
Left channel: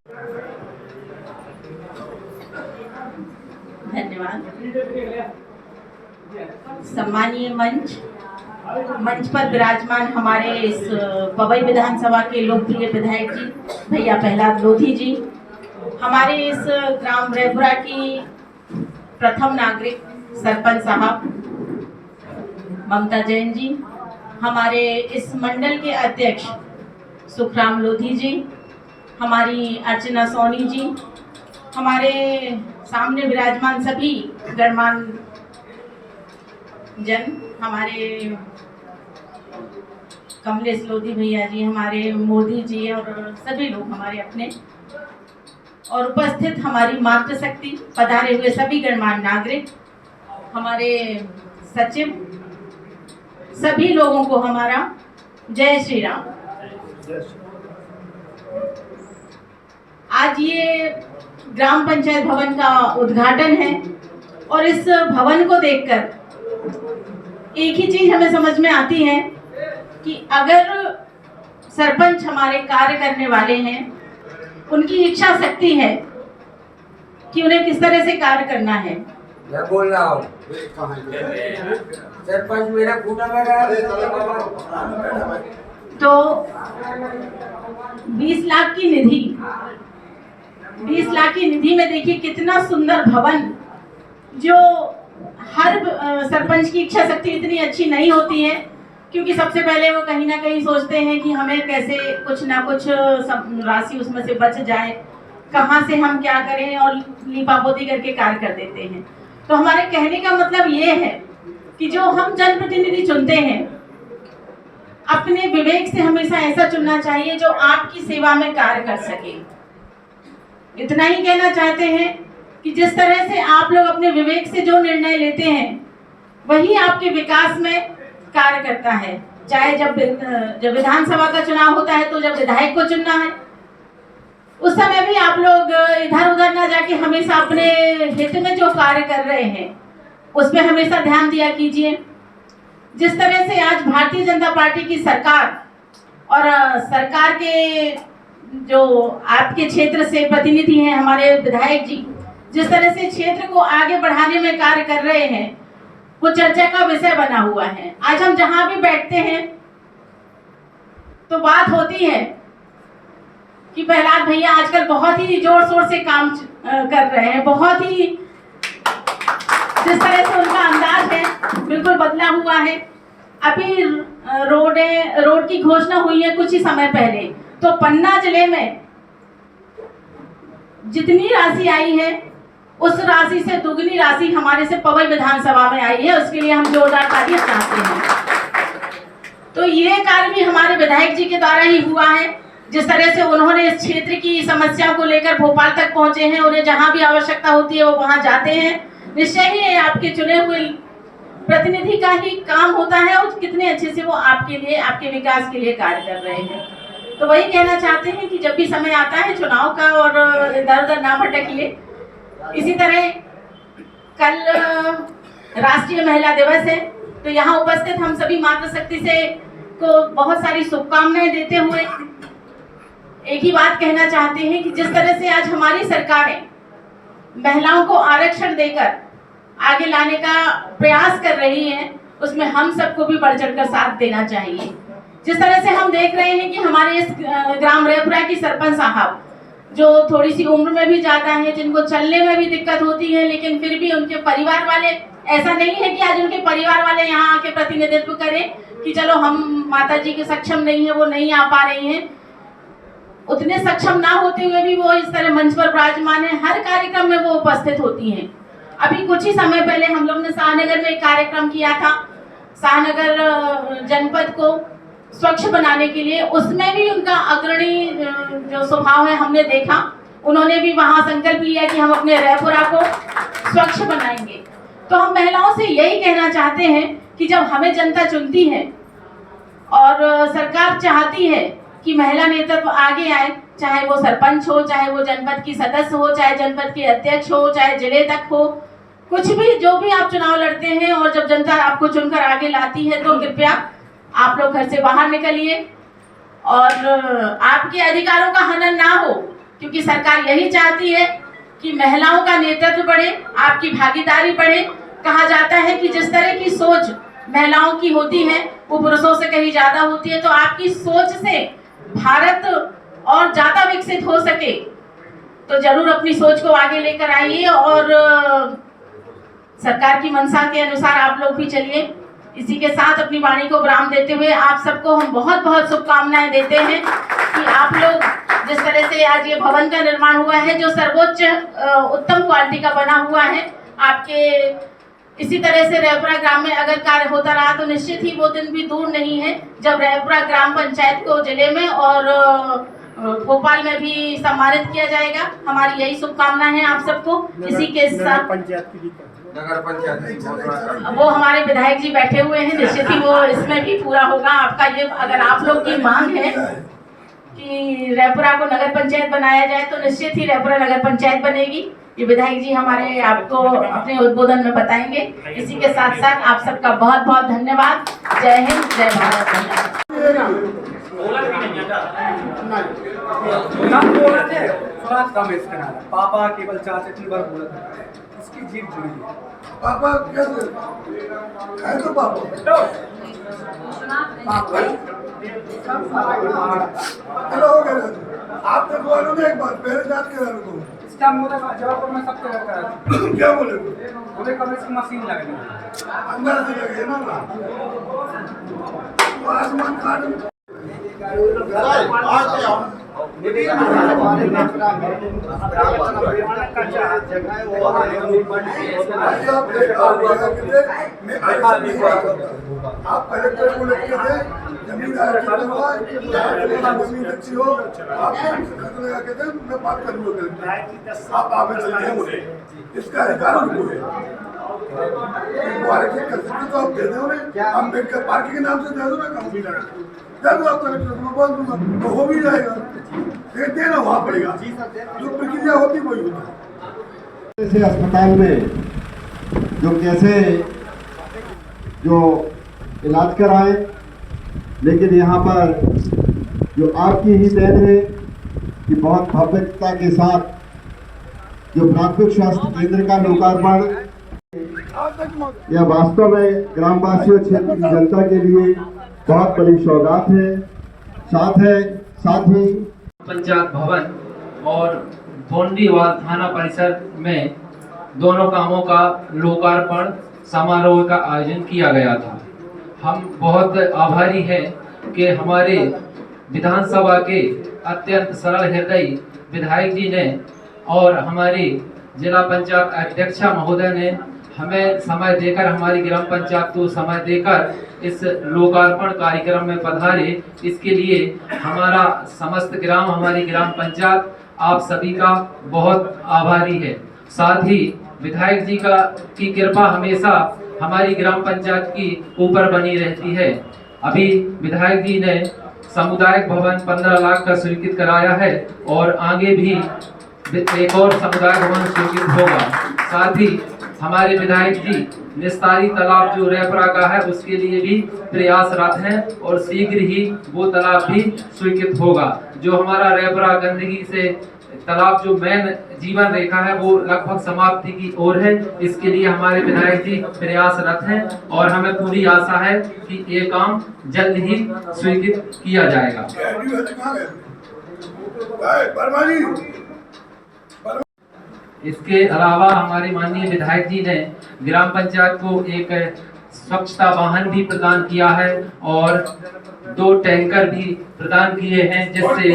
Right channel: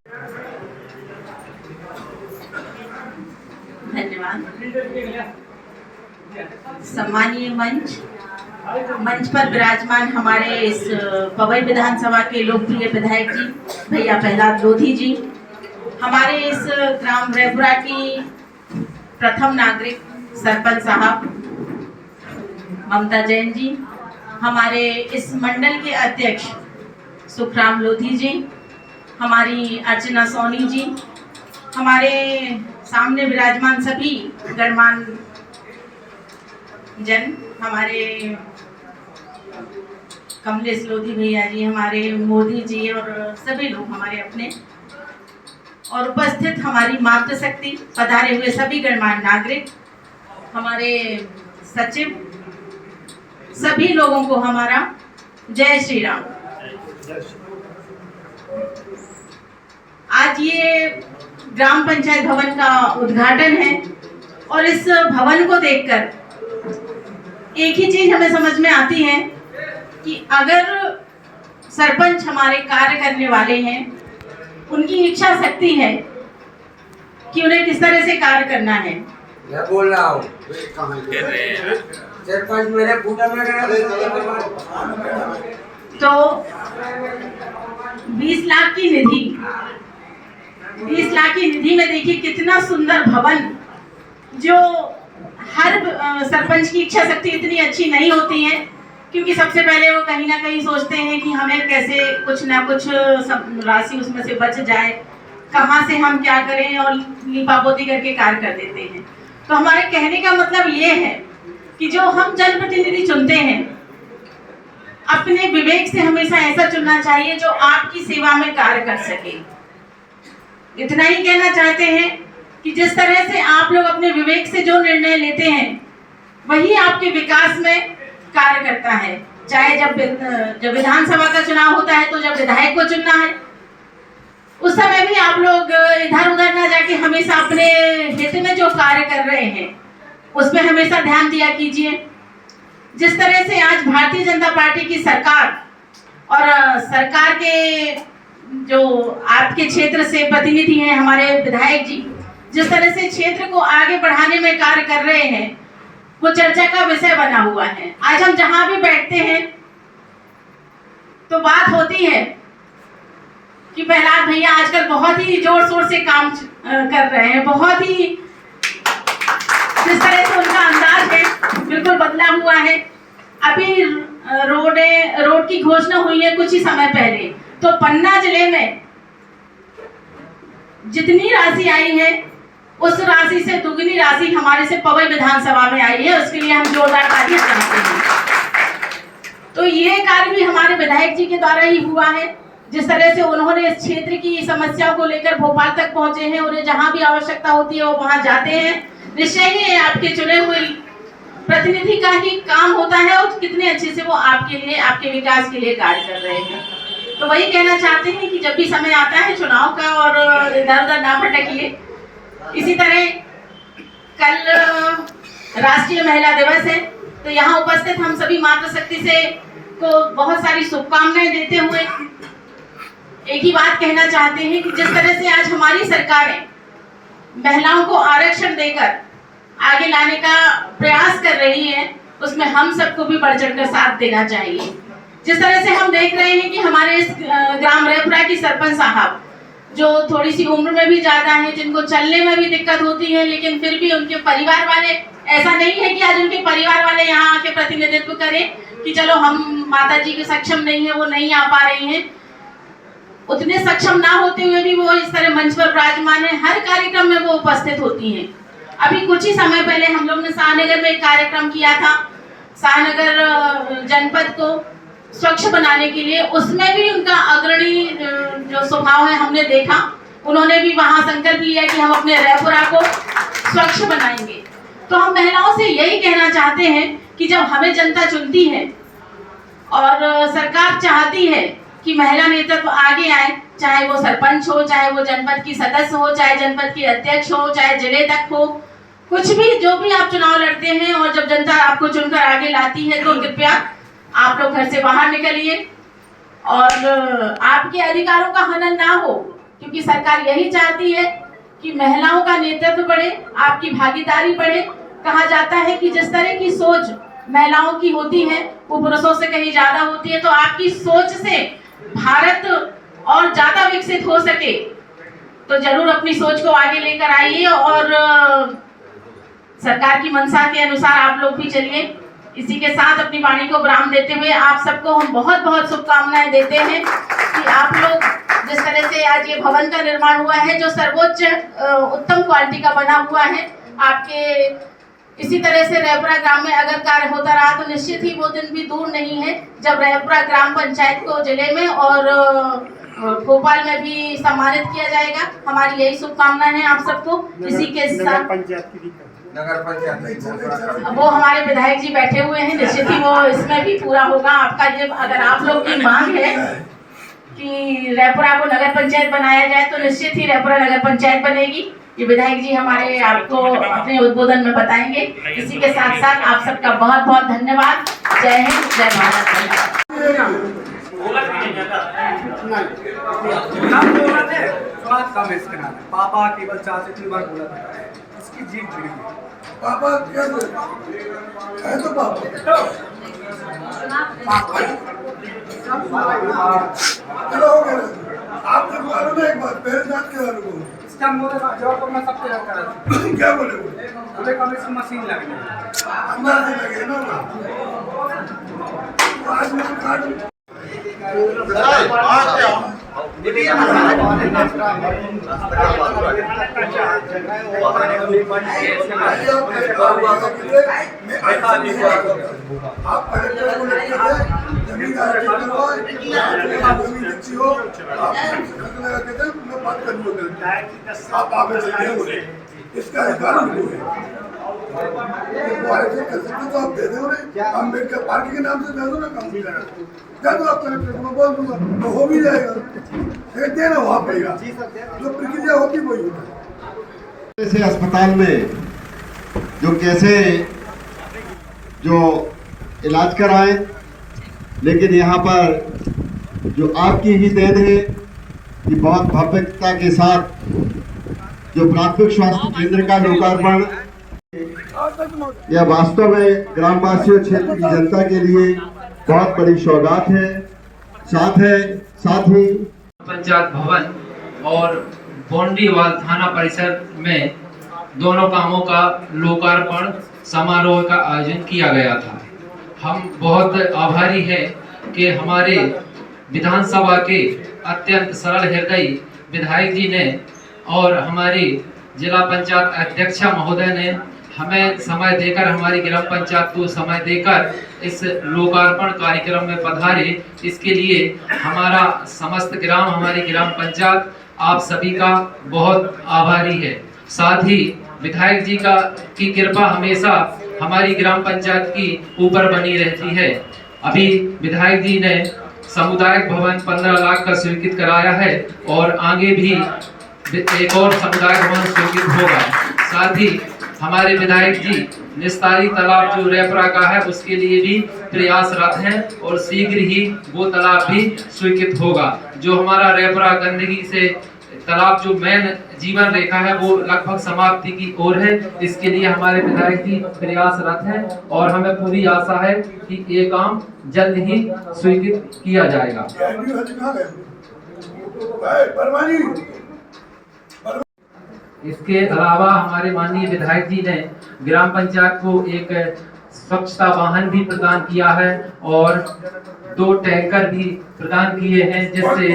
धन्यवाद। सम्मानीय मंच पर विराजमान हमारे इस पवई विधानसभा के लोकप्रिय विधायक जी भैया प्रहलाद लोधी जी, हमारे इस ग्राम रैपुरा की प्रथम नागरिक सरपंच साहब ममता जैन जी, हमारे इस मंडल के अध्यक्ष सुखराम लोधी जी, हमारी अर्चना सोनी जी, हमारे सामने विराजमान सभी गणमान्य जन, हमारे कमलेश लोधी भैया जी, हमारे मोदी जी और सभी लोग हमारे अपने, और उपस्थित हमारी मातृशक्ति, पधारे हुए सभी गणमान्य नागरिक, हमारे सचिव, सभी लोगों को हमारा जय श्री राम। आज ये ग्राम पंचायत भवन का उद्घाटन है और इस भवन को देखकर एक ही चीज हमें समझ में आती है कि अगर सरपंच हमारे कार्य करने वाले हैं, उनकी इच्छा शक्ति है कि उन्हें किस तरह से कार्य करना है। मैं बोल रहा हूँ सरपंच मेरे फूटा में गया तो 20 लाख की निधि, 20 लाख की निधि में देखिए कितना सुंदर भवन, जो हर सरपंच की इच्छा शक्ति इतनी अच्छी नहीं होती है, क्योंकि सबसे पहले वो कहीं ना कहीं सोचते हैं कि हमें कैसे कुछ ना कुछ राशि उसमें से बच जाए, कहाँ से हम क्या करें, और लीपापोती करके कार्य कर देते हैं। तो हमारे कहने का मतलब ये है कि जो हम जनप्रतिनिधि चुनते हैं, अपने विवेक से हमेशा ऐसा चुनना चाहिए जो आपकी सेवा में कार्य कर सके। इतना ही कहना चाहते हैं कि जिस तरह से आप लोग अपने विवेक से जो निर्णय लेते हैं, वही आपके विकास में कार्य करता है। चाहे जब विधानसभा का चुनाव होता है तो जब विधायक को चुनना है, उस समय भी आप लोग इधर उधर ना जाके हमेशा अपने हित में जो कार्य कर रहे हैं उस पर हमेशा ध्यान दिया कीजिए। जिस तरह से आज भारतीय जनता पार्टी की सरकार और सरकार के जो आपके क्षेत्र से प्रतिनिधि हैं, हमारे विधायक जी, जिस तरह से क्षेत्र को आगे बढ़ाने में कार्य कर रहे हैं, वो चर्चा का विषय बना हुआ है। आज हम जहां भी बैठते हैं तो बात होती है कि प्रहलाद भैया आजकल बहुत ही जोर शोर से काम कर रहे हैं, बहुत ही जिस तरह से उनका अंदाज है बिल्कुल बदला हुआ है। अभी रोड की घोषणा हुई है कुछ ही समय पहले, तो पन्ना जिले में जितनी राशि आई है उस राशि से दुगनी राशि हमारे से पवई विधानसभा में आई है। उसके लिए हम जोरदार तालियां चाहते हैं। तो ये कार्य भी हमारे विधायक जी के द्वारा ही हुआ है। जिस तरह से उन्होंने इस क्षेत्र की समस्याओं को लेकर भोपाल तक पहुंचे हैं, उन्हें जहां भी आवश्यकता होती है वो वहां जाते हैं। निश्चय ही आपके चुने हुए प्रतिनिधि का ही काम होता है और कितने अच्छे से वो आपके लिए, आपके विकास के लिए कार्य कर रहे हैं। तो वही कहना चाहते हैं कि जब भी समय आता है चुनाव का, और इधर उधर ना भटकिए। इसी तरह कल राष्ट्रीय महिला दिवस है, तो यहाँ उपस्थित हम सभी मातृशक्ति से को बहुत सारी शुभकामनाएं देते हुए एक ही बात कहना चाहते हैं कि जिस तरह से आज हमारी सरकारें महिलाओं को आरक्षण देकर आगे लाने का प्रयास कर रही हैं, उसमें हम सबको भी बढ़ चढ़कर साथ देना चाहिए। जिस तरह से हम देख रहे हैं कि हमारे इस ग्राम रेपुरा की सरपंच साहब, जो थोड़ी सी उम्र में भी ज्यादा है, जिनको चलने में भी दिक्कत होती है, लेकिन फिर भी उनके परिवार वाले, ऐसा नहीं है कि आज उनके परिवार वाले यहाँ आके प्रतिनिधित्व करें कि चलो हम माता जी के सक्षम नहीं है, वो नहीं आ पा रही हैं। उतने सक्षम ना होते हुए भी वो इस तरह मंच पर विराजमान है, हर कार्यक्रम में वो उपस्थित होती हैं। अभी कुछ ही समय पहले हम लोग ने शाहनगर में एक कार्यक्रम किया था, शाहनगर जनपद को स्वच्छ बनाने के लिए। उसमें भी उनका अग्रणी जो स्वभाव है हमने देखा। उन्होंने भी वहां संकल्प लिया कि हम अपने रेपुरा को स्वच्छ बनाएंगे। तो हम महिलाओं से यही कहना चाहते हैं कि जब हमें जनता चुनती है और सरकार चाहती है कि महिला नेतृत्व आगे आए, चाहे वो सरपंच हो, चाहे वो जनपद की सदस्य हो, चाहे जनपद की अध्यक्ष हो, चाहे जिले तक हो, कुछ भी जो भी आप चुनाव लड़ते हैं, और जब जनता आपको चुनकर आगे लाती है तो कृपया आप लोग घर से बाहर निकलिए और आपके अधिकारों का हनन ना हो, क्योंकि सरकार यही चाहती है कि महिलाओं का नेतृत्व बढ़े, आपकी भागीदारी बढ़े। कहा जाता है कि जिस तरह की सोच महिलाओं की होती है वो पुरुषों से कहीं ज्यादा होती है। तो आपकी सोच से भारत और ज्यादा विकसित हो सके तो जरूर अपनी सोच को आगे लेकर आइए और सरकार की मंशा के अनुसार आप लोग भी चलिए। इसी के साथ अपनी वाणी को विराम देते हुए आप सबको हम बहुत बहुत शुभकामनाएं देते हैं कि आप लोग जिस तरह से आज ये भवन का निर्माण हुआ है, जो सर्वोच्च उत्तम क्वालिटी का बना हुआ है, आपके इसी तरह से रेपुरा ग्राम में अगर कार्य होता रहा तो निश्चित ही वो दिन भी दूर नहीं है जब रेपुरा ग्राम पंचायत को जिले में और भोपाल में भी सम्मानित किया जाएगा। हमारी यही शुभकामना है आप सबको। इसी के साथ नगर पंचायत वो हमारे विधायक जी बैठे हुए हैं, निश्चित ही वो इसमें भी पूरा होगा आपका। ये अगर आप लोग की मांग है कि रेपुरा को नगर पंचायत बनाया जाए तो निश्चित ही रेपुरा नगर पंचायत बनेगी। ये विधायक जी हमारे आपको अपने उद्बोधन में बताएंगे। इसी के साथ साथ आप सबका बहुत बहुत धन्यवाद। जय हिंद, जय भारत। थोड़ा कम है इसके नाम। पापा केवल चार इतनी बार बोला था, इसकी जीभ जुड़ी है। पापा क्या है तो पापा चलो हो गया। आप लगवा लो ना एक बार, पहले जांच करा लो। इसका हम बोला जवाब मैं सब तैयार करा था। क्या बोले? बोले कम इसकी मशीन लगनी अंदर से लगे ना आसमान काट आप कलेक्टर को लिख के दे, जमीन जमीन अच्छी हो, आप लगा के दे, मैं बात कर लूँगा। आप आगे चलते हैं बोले, इसका अधिकार उनको है। कर सकते तो आप दे दे उन्हें, अम्बेडकर पार्क के नाम से दे दो ना, कम भी लगा दो आप कलेक्टर को, मैं बोल दूंगा तो हो भी जाएगा, लेकिन देना वहाँ पड़ेगा, जो प्रक्रिया होती वही होता है। जैसे अस्पताल में जो कैसे जो इलाज कराए, लेकिन यहाँ पर जो आपकी ही देन है कि बहुत भव्यता के साथ जो प्राथमिक स्वास्थ्य केंद्र का लोकार्पण, यह वास्तव में ग्रामवासियों क्षेत्र की जनता के लिए बहुत बड़ी सौगात है। साथ ही पंचायत भवन और बोंडीवाल थाना परिसर में दोनों कामों का लोकार्पण समारोह का आयोजन किया गया था। हम बहुत आभारी हैं कि हमारे विधानसभा के अत्यंत सरल हृदयी विधायक जी ने और हमारी जिला पंचायत अध्यक्षा महोदय ने हमें समय देकर, हमारी ग्राम पंचायत को समय देकर इस लोकार्पण कार्यक्रम में पधारे। इसके लिए हमारा समस्त ग्राम, हमारी ग्राम पंचायत आप सभी का बहुत आभारी है। साथ ही विधायक जी की कृपा हमेशा हमारी ग्राम पंचायत की ऊपर बनी रहती है। अभी विधायक जी ने सामुदायिक भवन 15 लाख का स्वीकृत कराया है और आगे भी एक और सामुदायिक भवन स्वीकृत होगा। साथ ही हमारे विधायक जी निस्तारी तालाब जो रेपरा का है उसके लिए भी प्रयासरत हैं और शीघ्र ही वो तालाब भी स्वीकृत होगा। जो हमारा रेपरा गंदगी से तालाब जो मेन जीवन रेखा है वो लगभग समाप्ति की ओर है। इसके लिए हमारे विधायक जी प्रयासरत हैं और हमें पूरी आशा है कि ये काम जल्द ही स्वीकृत किया जाएगा। इसके अलावा हमारे माननीय विधायक जी ने ग्राम पंचायत को एक स्वच्छता वाहन भी प्रदान किया है और 2 टैंकर भी प्रदान किए हैं, जिससे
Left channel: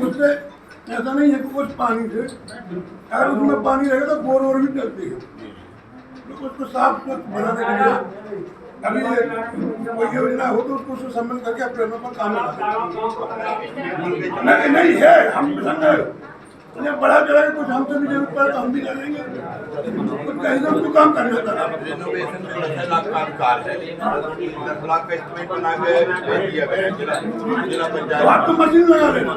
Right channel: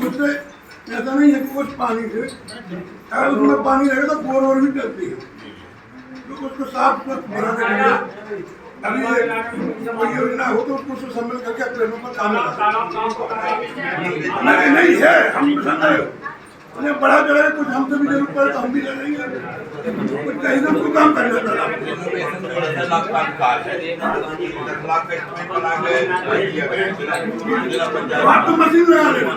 उससे ऐसा नहीं है कि कुछ पानी से, अगर उसमें पानी रहेगा तो बोर और भी चलती है, तो उसको साफ बना देंगे। अभी कोई योजना हो तो उसको सम्मिलित करके अपने पर काम नहीं है। हम उन्हें बड़ा जगह कुछ हमसे भी जरूरत पड़े तो हम भी करेंगे, कुछ कहीं ना कुछ काम करना था। बात तो मशीन लगा लेना,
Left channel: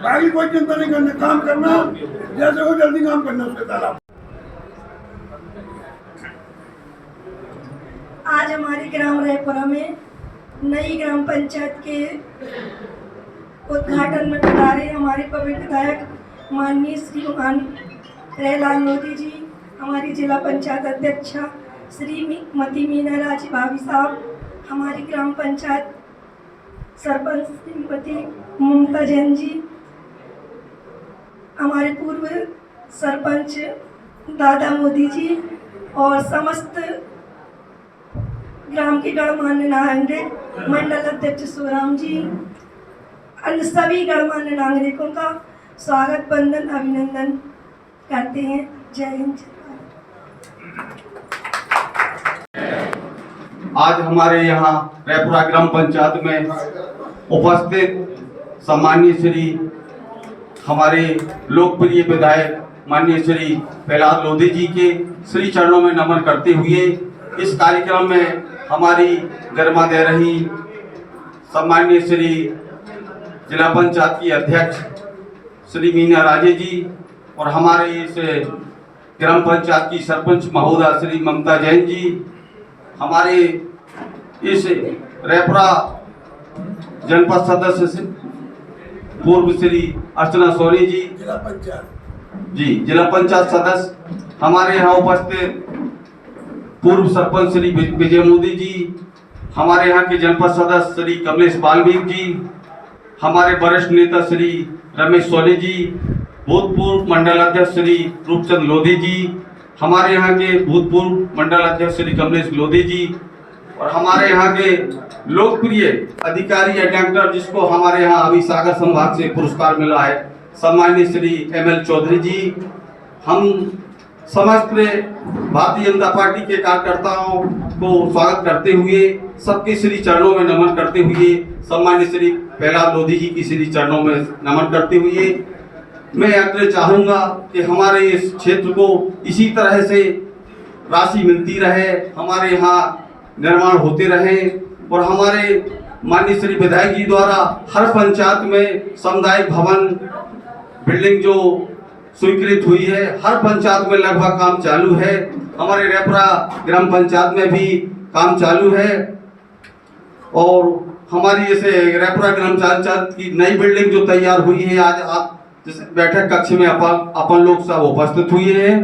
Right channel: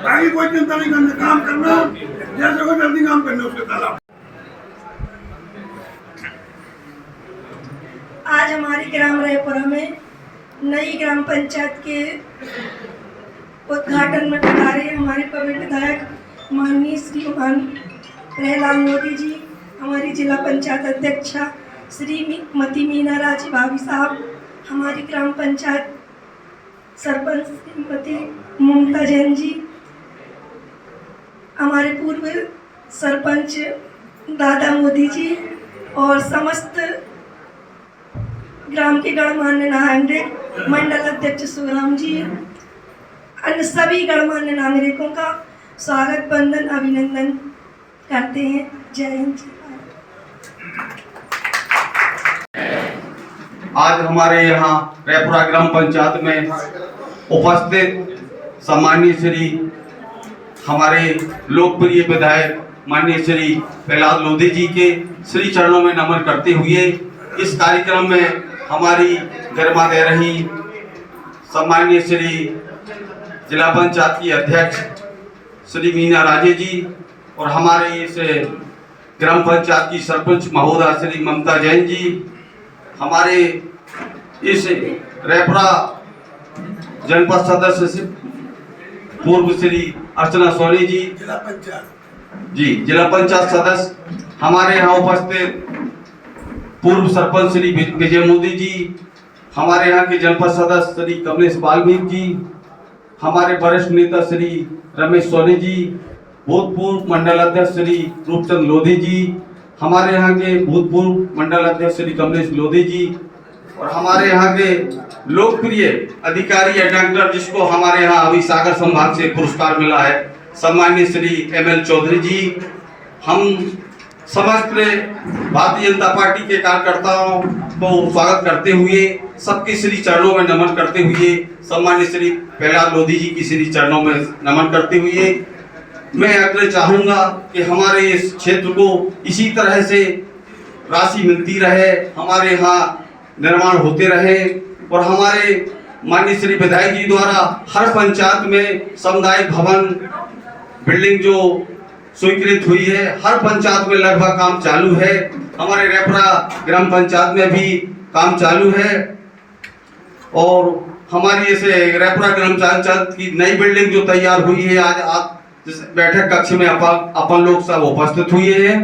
बाकी कोई चिंता नहीं करना, काम करना जैसे हो जल्दी काम करना उसके तालाब। आज हमारे ग्राम रायपुरा में नई ग्राम पंचायत के उद्घाटन में पधारे हमारे पवित्र विधायक माननीय श्रीमान प्रहलाद मोदी जी, हमारी जिला पंचायत अध्यक्षा श्रीमती मीना राजी भाभी साहब, हमारी ग्राम पंचायत सरपंच श्रीमती ममता जैन जी, हमारे पूर्व सरपंच दादा मोदी जी और समस्त ग्राम के गणमान्य नागरिक, मंडल अध्यक्ष सुराम जी, अन्य सभी गणमान्य नागरिकों का स्वागत वंदन अभिनंदन करते हैं। जय हिंद। आज हमारे यहाँ रायपुरा ग्राम पंचायत में उपस्थित सम्मानीय श्री हमारे लोकप्रिय विधायक माननीय श्री प्रहलाद लोधी जी के श्री चरणों में नमन करते हुए इस कार्यक्रम में हमारी गर्मा दे रही सम्माननीय श्री जिला पंचायत की अध्यक्ष श्री मीना राजे जी और हमारे इस ग्राम पंचायत की सरपंच महोदया श्री ममता जैन जी, हमारे इस रेपरा जनपद सदस्य पूर्व श्री अर्चना सोनी जी, जिला पंचायत सदस्य, हमारे यहाँ उपस्थित पूर्व सरपंच श्री विजय मोदी जी, हमारे यहाँ के जनपद सदस्य श्री कमलेश बाल्मीक जी, हमारे वरिष्ठ नेता श्री रमेश सोनी जी, भूतपूर्व मंडल अध्यक्ष श्री रूपचंद लोधी जी, हमारे यहाँ के भूतपूर्व मंडल अध्यक्ष श्री कमलेश लोधी जी, और हमारे यहाँ के लोकप्रिय अधिकारी या डॉक्टर जिसको हमारे यहाँ अभी सागर संभाग से पुरस्कार मिला है, सम्माननीय श्री ML चौधरी जी, हम समस्त भारतीय जनता पार्टी के कार्यकर्ताओं को स्वागत करते हुए, सबके श्री चरणों में नमन करते हुए, सम्माननीय श्री प्रहलाद लोधी जी की श्री चरणों में नमन करते हुए, मैं अग्र चाहूंगा कि हमारे इस क्षेत्र को इसी तरह से राशि मिलती रहे, हमारे यहाँ निर्माण होते रहे और हमारे माननीय श्री विधायक जी द्वारा हर पंचायत में सामुदायिक भवन बिल्डिंग जो स्वीकृत हुई है, हर पंचायत में लगभग काम चालू है। हमारे रेपरा ग्राम पंचायत में भी काम चालू है और हमारी इसे रेपरा ग्राम पंचायत की नई बिल्डिंग जो तैयार हुई है, आज बैठक कक्ष में अपन लोग सब उपस्थित हुए हैं।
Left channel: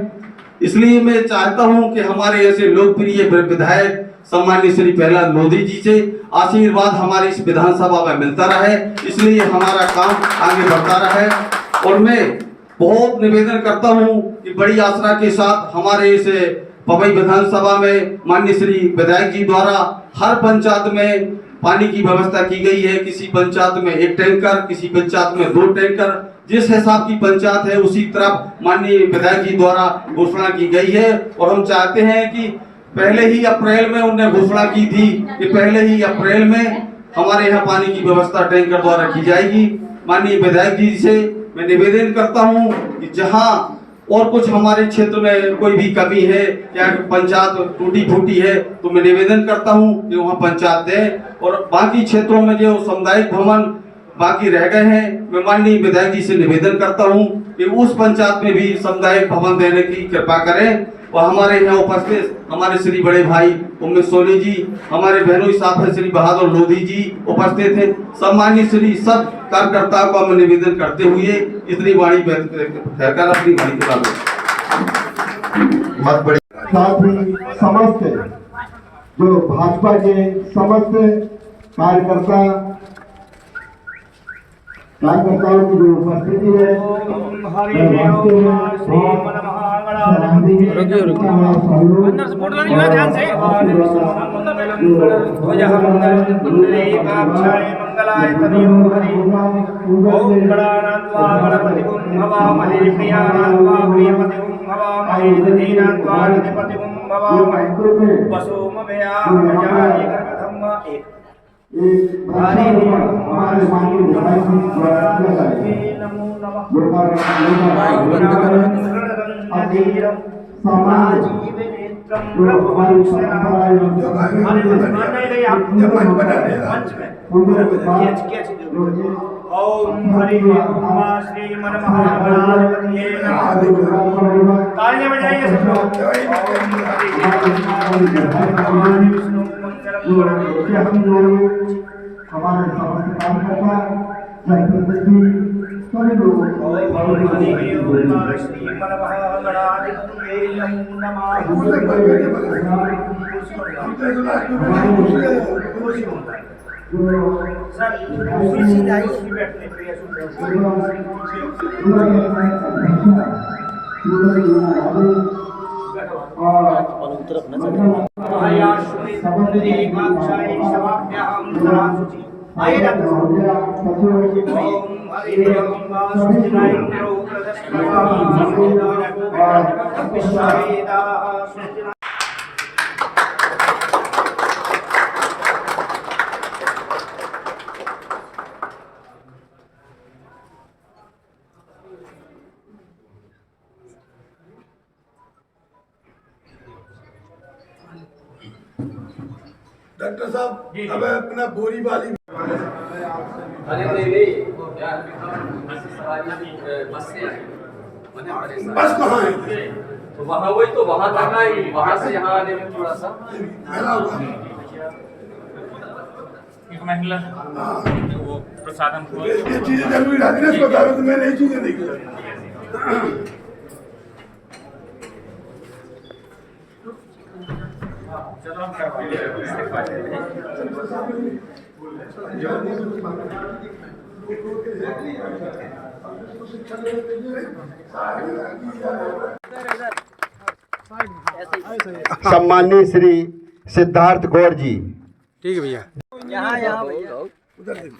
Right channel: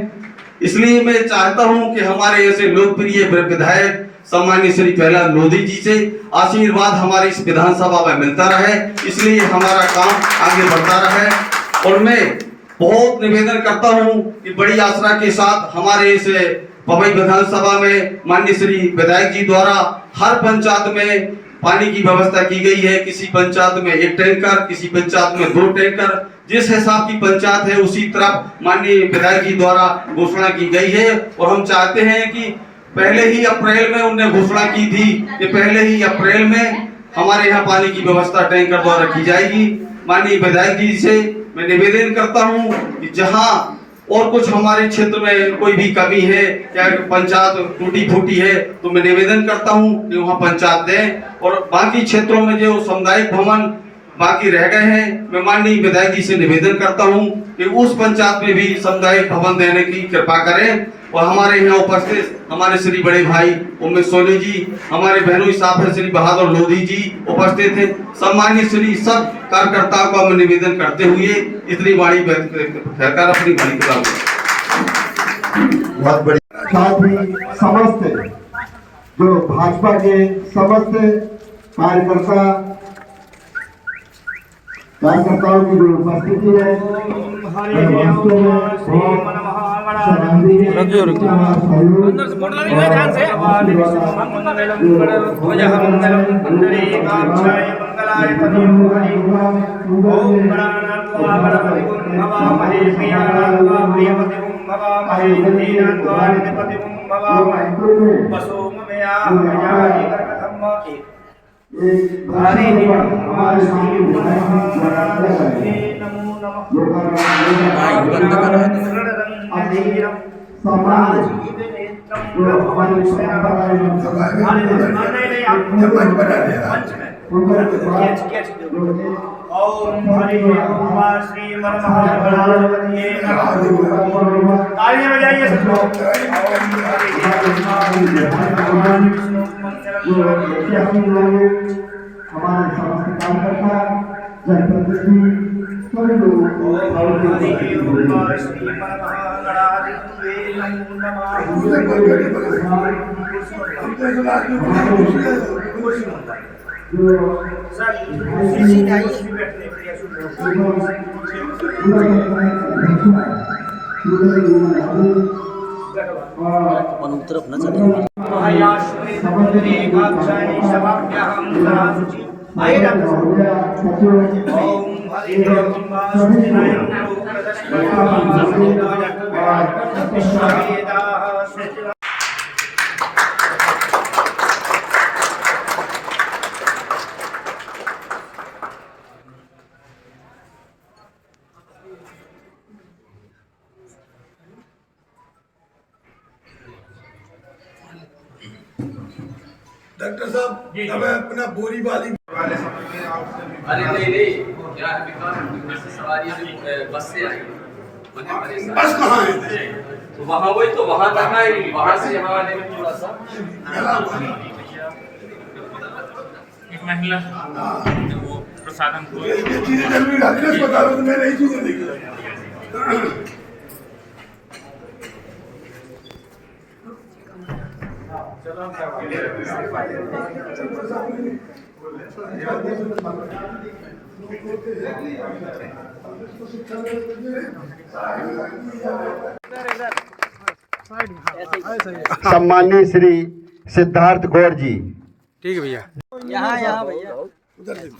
इसलिए मैं चाहता हूं कि हमारे ऐसे लोकप्रिय विधायक सम्माननीय श्री प्रहलाद लोधी जी से आशीर्वाद हमारे इस विधानसभा में मिलता रहे, इसलिए हमारा काम आगे बढ़ता रहे। और मैं बहुत निवेदन करता हूं कि बड़ी आशा के साथ हमारे इस पवई विधानसभा में माननीय श्री विधायक जी द्वारा हर पंचायत में पानी की व्यवस्था की गई है। किसी पंचायत में 1 टैंकर, किसी पंचायत में 2 टैंकर, जिस हिसाब की पंचायत है उसी तरफ माननीय विधायक जी द्वारा घोषणा की गई है। और हम चाहते हैं कि पहले ही अप्रैल में उन्होंने घोषणा की थी कि पहले ही अप्रैल में हमारे यहाँ पानी की व्यवस्था टैंकर द्वारा की जाएगी। माननीय विधायक जी से मैं निवेदन करता हूँ कि जहाँ और कुछ हमारे क्षेत्र में कोई भी कमी है या पंचायत टूटी फूटी है तो मैं निवेदन करता हूँ कि वहाँ पंचायत दें। और बाकी क्षेत्रों में जो सामुदायिक भवन बाकी रह गए हैं, मैं माननीय विधायक जी से निवेदन करता हूँ कि उस पंचायत में भी सामुदायिक भवन देने की कृपा करें। और हमारे यहाँ उपस्थित हमारे श्री बड़े भाई उमेश सोनी जी, हमारे बहनोई साहब श्री बहादुर लोधी जी उपस्थित हैं। सम्मानित श्री सब कार्यकर्ताओं का मैं निवेदन करते हुए इतनी वाणी कहकर अपनी वाणी को बहुत बड़ी साथ ही समस्त जो भाजपा के समस्त कार्यकर्ताओं की जो उपस्थिति है, अंदर से मोड़ नहीं ध्यान से हमारे सामने ओम हरि ओम श्री मन महागणाधिपतये नमः। तालियां बजाइए सब लोग। ओम हमारे समस्त कार्यकर्ता जनप्रतिनिधि सभी लोग श्री मन महागणाधिपतये नमः। डॉक्टर साहब, हमें अपना बोरी वाली अरे नहीं यार बस सवारी बस से आई बस कहाँ है? तो वहाँ वही तो वहाँ तक आई, वहाँ से यहाँ आने में थोड़ा सा एक महिला वो प्रसाद हमको ये चीजें जरूरी एड्रेस बता रहा हूँ तो मैं नई चीजें देखी। सम्माननीय श्री सिद्धार्थ गौड़ जी। ठीक है भैया। यहाँ भैया उधर देखो।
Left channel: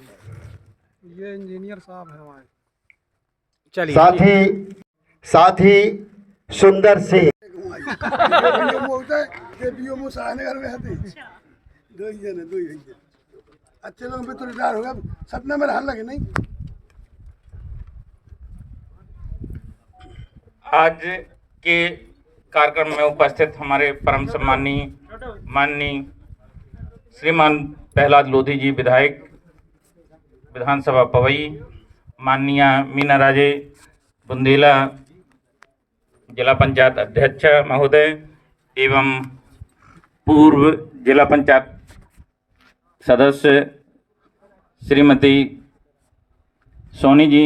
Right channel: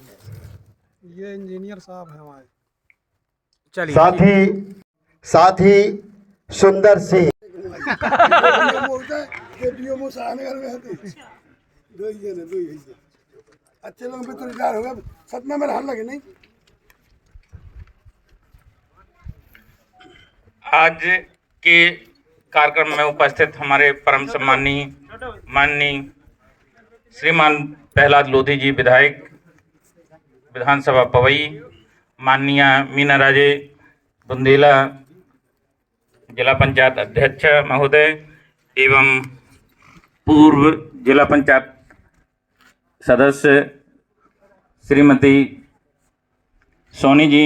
ये इंजीनियर साहब है हमारे। चलिए। साथ ही सुंदर सिंह। अच्छे लोग भी तो रिटायर हो गया, सपना में रहने लगे नहीं। आज के कार्यक्रम में उपस्थित हमारे परम सम्माननीय माननीय श्रीमान प्रहलाद लोधी जी विधायक विधानसभा पवई, माननीय मीना राजे बुंदेला जिला पंचायत अध्यक्ष महोदय एवं पूर्व जिला पंचायत सदस्य श्रीमती सोनी जी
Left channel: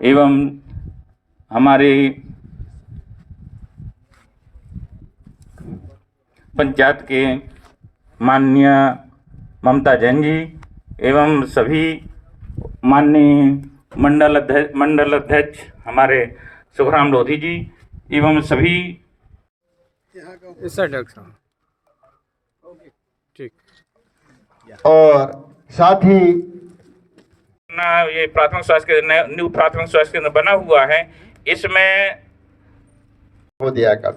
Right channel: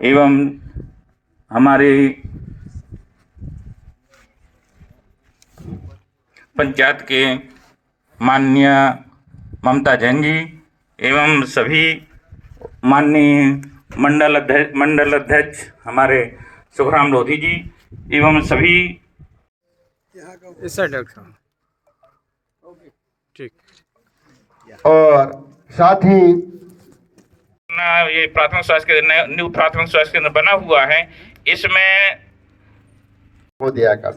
एवं हमारे पंचायत के माननीय ममता जैन जी एवं सभी माननीय मंडल अध्यक्ष हमारे सुखराम लोधी जी एवं सभी इस साइड डॉक्टर साहब। ठीक। और साथ ही ना ये प्राथमिक स्वास्थ्य केंद्र न्यू प्राथमिक स्वास्थ्य केंद्र बना हुआ है, इसमें वो दिया कर।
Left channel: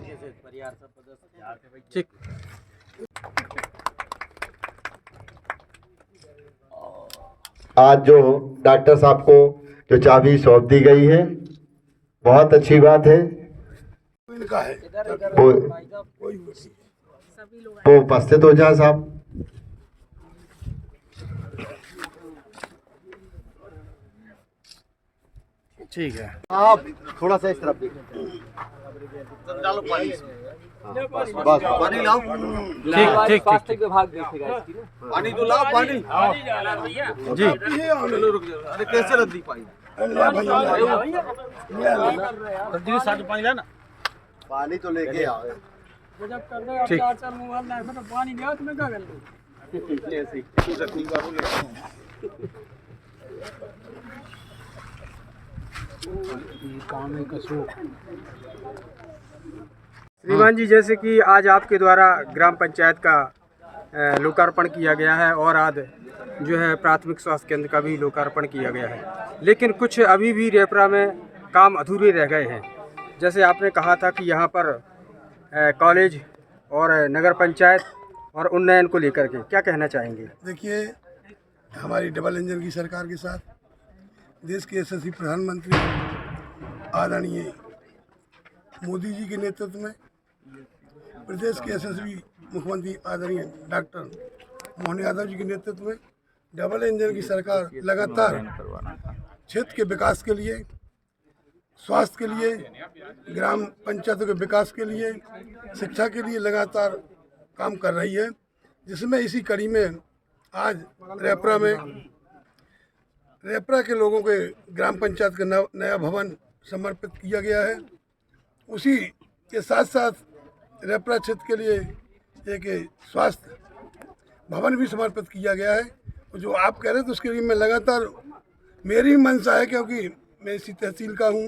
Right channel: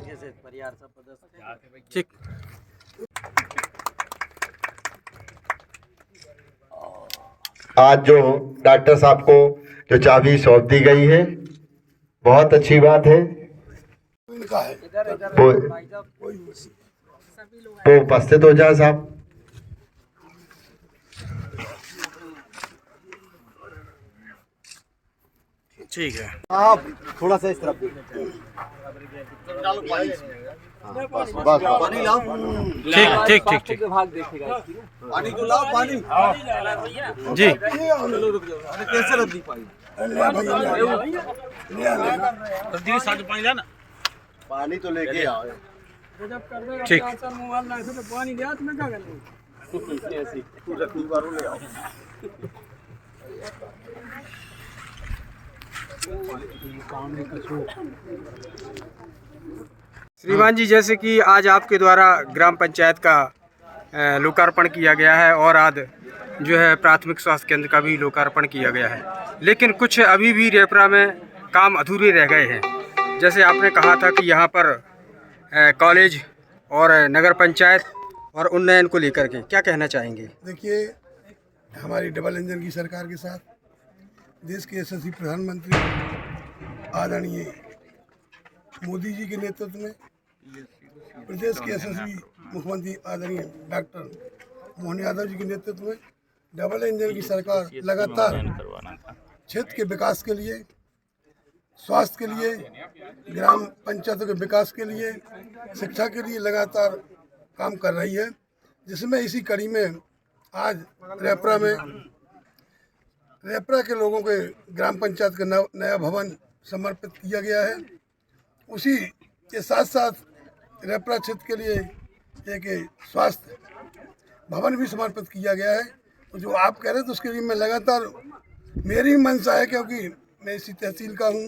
ठीक। आज जो डॉक्टर साहब को जो चाबी सौंप दी गई है, बहुत अच्छी बात है। इनका है वो उपस्थित हो जाए साहब। ठीक है। आप थोड़ा सा इस तरफ देखो। डालो पानी। बस पानी लाओ। ठीक। विभाग देखेगा पानी तो लाओ पानी। जी। चलो रुक जाओ। अरे कैसे रद्दी पाई? रद्दी के साथ पानी लाना। पानी तो लेके आओ। ठीक। पानी लिया तुम्हें क्या करना? श्रीमान जी, जैसे कि आज आपके द्वारा ग्राम पंचायत का लोकार्पण किया गया है और आज जो है प्राथमिक स्वास्थ्य केंद्र का भी लोकार्पण किया गया है, लेकिन कुछ अभी भी रेपरा में काम अधूरे रह गए हैं। जैसे आपने कहा था कि यहाँ पर कॉलेज और नगर पंचायत और उन्नयन को लेकर के क्या कहना चाहेंगे? देखिए, हमारी डबल इंजन की सरकार के साथ देश के यशस्वी प्रधानमंत्री आदरणीय मोदी जी के नेतृत्व में प्रदेश के यशस्वी मुख्यमंत्री आदरणीय डॉक्टर मोहन यादव जी के नेतृत्व में डबल इंजन की सरकार लगातार क्षेत्र के विकास के लिए, स्वास्थ्य के लिए, ग्राम पंचायतों के विकास के लिए, शिक्षा के लिए लगातार काम कर रही है। जिसमें इसी कड़ी में आज रेपरा के लोगों के ग्राम पंचायत का नया भवन समर्पित किया गया है। उसी के साथ साथ रेपरा क्षेत्र के लिए एक स्वास्थ्य भवन भी समर्पित किया गया है। जो आप कह रहे थे उसके लिए मैं लगातार, मेरी मंशा है, क्योंकि मैं इसी तहसील का हूँ,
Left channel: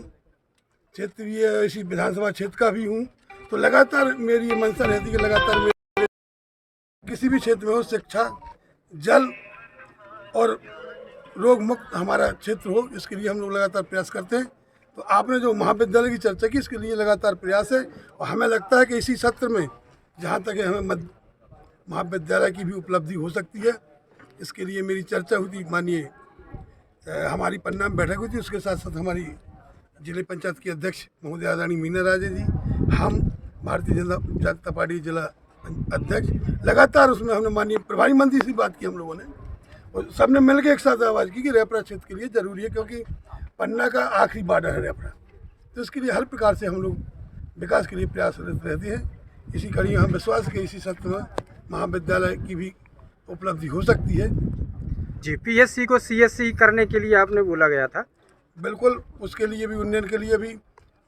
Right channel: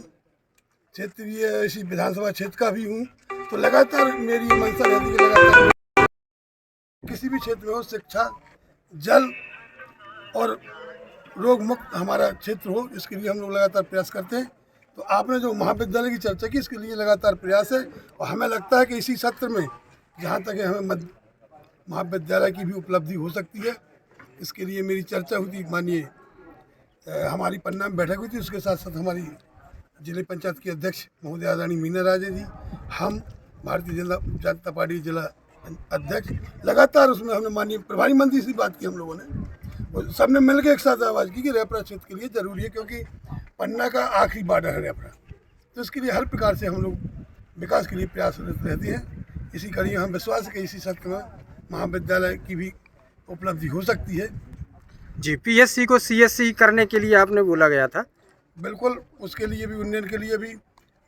क्षेत्रीय इसी विधानसभा क्षेत्र का भी हूँ, तो लगातार मेरी ये मंशा रहती है कि लगातार किसी भी क्षेत्र में हो, शिक्षा, जल और रोग मुक्त हमारा क्षेत्र हो, इसके लिए हम लोग लगातार प्रयास करते हैं। तो आपने जो महाविद्यालय की चर्चा की, इसके लिए लगातार प्रयास है और हमें लगता है कि इसी सत्र में जहाँ तक है हमें महाविद्यालय की भी उपलब्धि हो सकती है। इसके लिए मेरी चर्चा हुई थी, मानिए हमारी पन्ना में बैठक हुई थी, उसके साथ साथ हमारी जिले पंचायत की अध्यक्ष महोदय आदरणीय मीना राजे जी, हम भारतीय जनता पार्टी जिला अध्यक्ष, लगातार उसमें हमने माननीय प्रभारी मंत्री से बात की हम लोगों ने, और सबने मिल के एक साथ आवाज़ की कि रेपरा क्षेत्र के लिए ज़रूरी है, क्योंकि पन्ना का आखिरी बॉर्डर है रेपरा। तो इसके लिए हर प्रकार से हम लोग विकास के लिए प्रयासरत रहते हैं। इसी कड़ी हम विश्वास है कि इसी सत्र में महाविद्यालय की भी उपलब्धि हो सकती है। जी, पीएससी को सीएससी करने के लिए आपने बोला गया था। बिल्कुल, उसके लिए भी, उन्नयन के लिए भी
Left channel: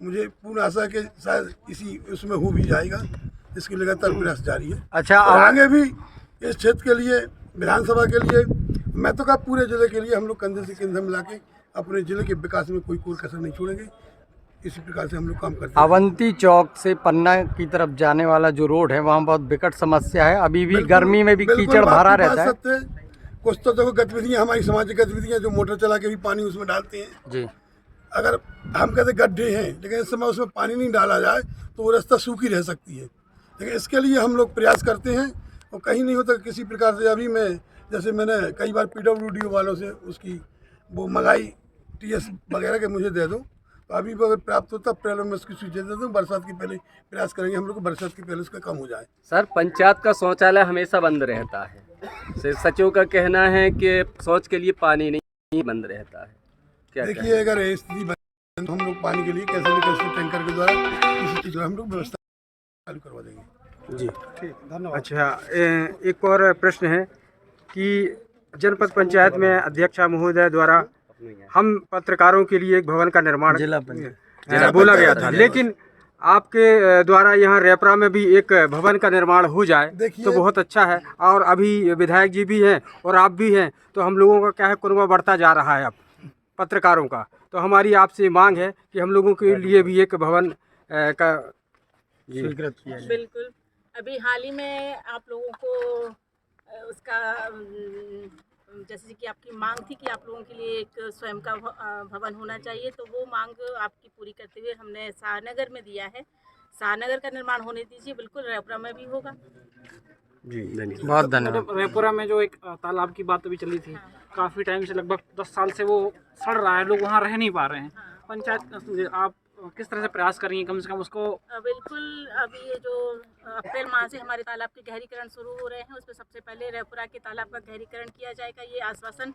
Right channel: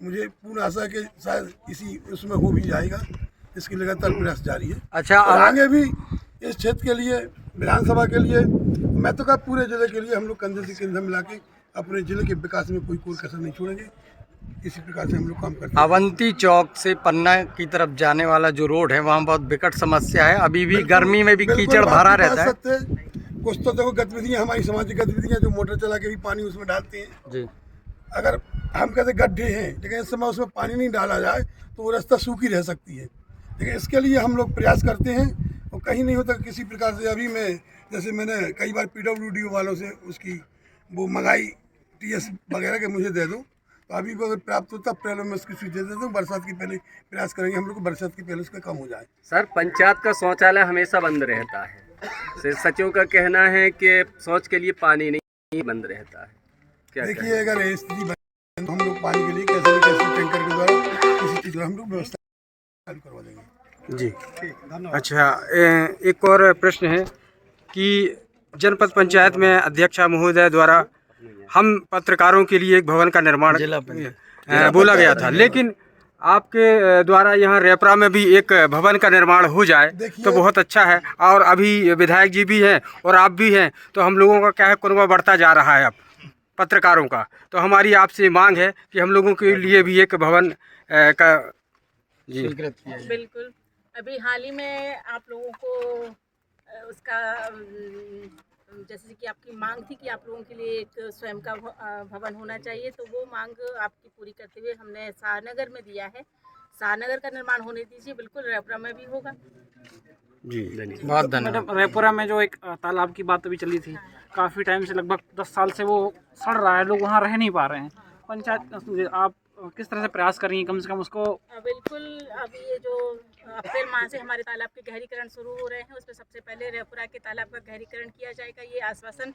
मुझे पूर्ण आशा है कि शायद इसी उसमें हो भी जाएगा। इसकी लगातार प्रयास जारी है। अच्छा, और आगे भी इस क्षेत्र के लिए, विधानसभा के लिए, मैं तो कहा पूरे जिले के लिए हम लोग कंधे से कंधा मिला के अपने जिले के विकास में कोई कसर नहीं छोड़ेंगे। इसी प्रकार से हम लोग काम करते हैं। अवंती चौक से पन्ना की तरफ जाने वाला जो रोड है वहाँ बहुत विकट समस्या है। अभी भी गर्मी में भी कीचड़ भरा रहता है। कुछ तो देखो गतिविधियाँ, हमारी सामाजिक गतिविधियाँ जो मोटर चला के भी पानी उसमें डालते हैं जी। अगर हम कहते गड्ढे हैं, लेकिन इस समय उसमें पानी नहीं डाला जाए तो वो रास्ता सूखी रह सकती है। लेकिन इसके लिए हम लोग प्रयास करते हैं और कहीं नहीं होता किसी प्रकार से। अभी मैं, जैसे मैंने कई बार PWD वालों से उसकी वो मंगाई, TS वगैरह के मुझे दे दो, तो अभी अगर प्राप्त होता पहले मैं उसकी सूची दे दूँ। बरसात के पहले प्रयास करेंगे हम लोग को, बरसात के पहले उसका कम हो जाए। सर, पंचायत का शौचालय हमेशा बंद रहता है। सचिव का कहना है कि शौच के लिए पानी नहीं बंद रहता है। क्या देखिए, अगर ये स्थिति बने तो हम लोग पानी के लिए कैसे भी कैसे टैंकर के द्वारा किसी चीज़ का हम लोग व्यवस्था चालू करवा देंगे। जी, ठीक, धन्यवाद। अच्छा, एक और प्रश्न है कि जनपद पंचायत में अध्यक्षा महोदय द्वारा हम पत्रकारों के लिए एक भवन का निर्माण बोला गया था, लेकिन आपके द्वारा यहाँ रेपरा में भी एक भवन का निर्माण हो जाए तो बहुत अच्छा है। और अभी विधायक जी भी हैं और आप भी हैं, तो हम लोगों का क्या है, कुनबा बढ़ता जा रहा है अब पत्रकारों का। तो हमारी आपसे मांग है कि हम लोगों के लिए भी एक भवन का स्वीकृत किया जाए। बिल्कुल, अभी हाल ही में आप लोगों को उसका जैसे कि आपकी मांग थी कि आप लोगों के लिए एक स्वयं का भवन होना चाहिए, तो वो मांग आपकी पूरी करते हुए हमने शाहनगर में दिया है। शाहनगर का निर्माण होने दीजिए, बिल्कुल रेपरा में भी होगा। जी, बहुत धन्यवाद। रेपुरा में जो एक तालाब की बात अभी चली थी, काफ़ी टाइम से, लगभग 10 साल से वो सड़ रहा है, लोग वहाँ रह नहीं पा रहे हैं। पंचायत, आप किस तरह से प्रयास कर रही हैं कम से कम उसको? बिल्कुल, अभी ये जो अप्रैल माह से हमारे तालाब के गहरीकरण शुरू हो रहे हैं, उसमें सबसे पहले रेपुरा के तालाब का गहरीकरण किया जाएगा। ये आश्वासन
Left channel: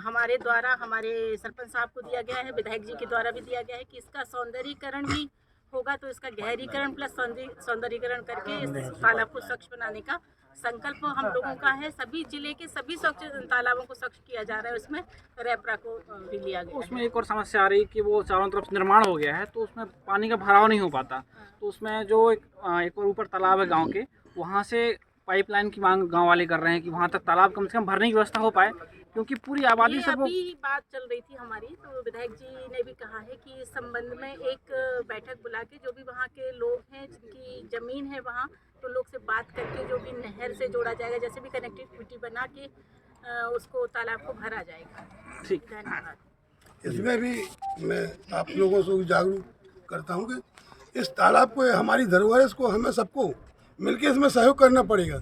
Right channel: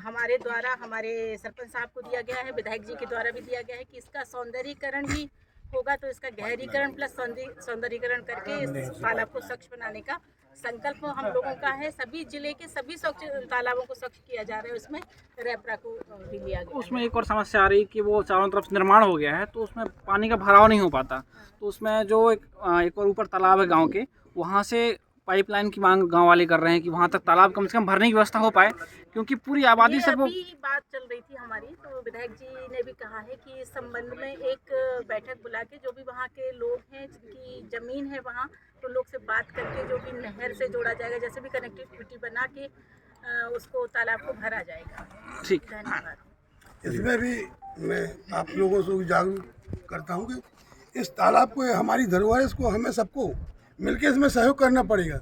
हमारे द्वारा हमारे सरपंच साहब को दिया गया है, विधायक जी के द्वारा भी दिया गया है कि इसका सौंदर्यीकरण भी होगा। तो इसका गहरीकरण प्लस सौंदर्यीकरण करके इस तालाब को स्वच्छ बनाने का संकल्प हम लोगों का है। सभी जिले के सभी स्वच्छ तालाबों को स्वच्छ किया जा रहा है, उसमें रेपरा को भी लिया गया। उसमें एक और समस्या आ रही है कि वो चारों तरफ निर्माण हो गया है, तो उसमें पानी का भराव नहीं हो पाता। तो उसमें जो एक और ऊपर तालाब है गांव के, वहाँ से पाइपलाइन की मांग गांव वाले कर रहे हैं कि वहाँ तक तालाब कम से कम भरने की व्यवस्था हो पाए, क्योंकि पूरी आबादी सब। अभी बात चल रही थी हमारी, तो विधायक जी ने भी कहा है कि इस संबंध में एक बैठक बुला के जो भी वहाँ के लोग हैं जिनकी ज़मीन है वहाँ, तो लोग से बात करके जो भी नहर से जोड़ा जाएगा, जैसे भी कनेक्टिविटी बना के उसको तालाब को भरा जाएगा। ठीक, धन्यवाद। इसमें भी मैं आप लोगों से जागरूक करता हूँ कि इस तालाब को हमारी धरोहर है, इसको हमें सबको मिलकर इसमें सहयोग करना पड़ेगा,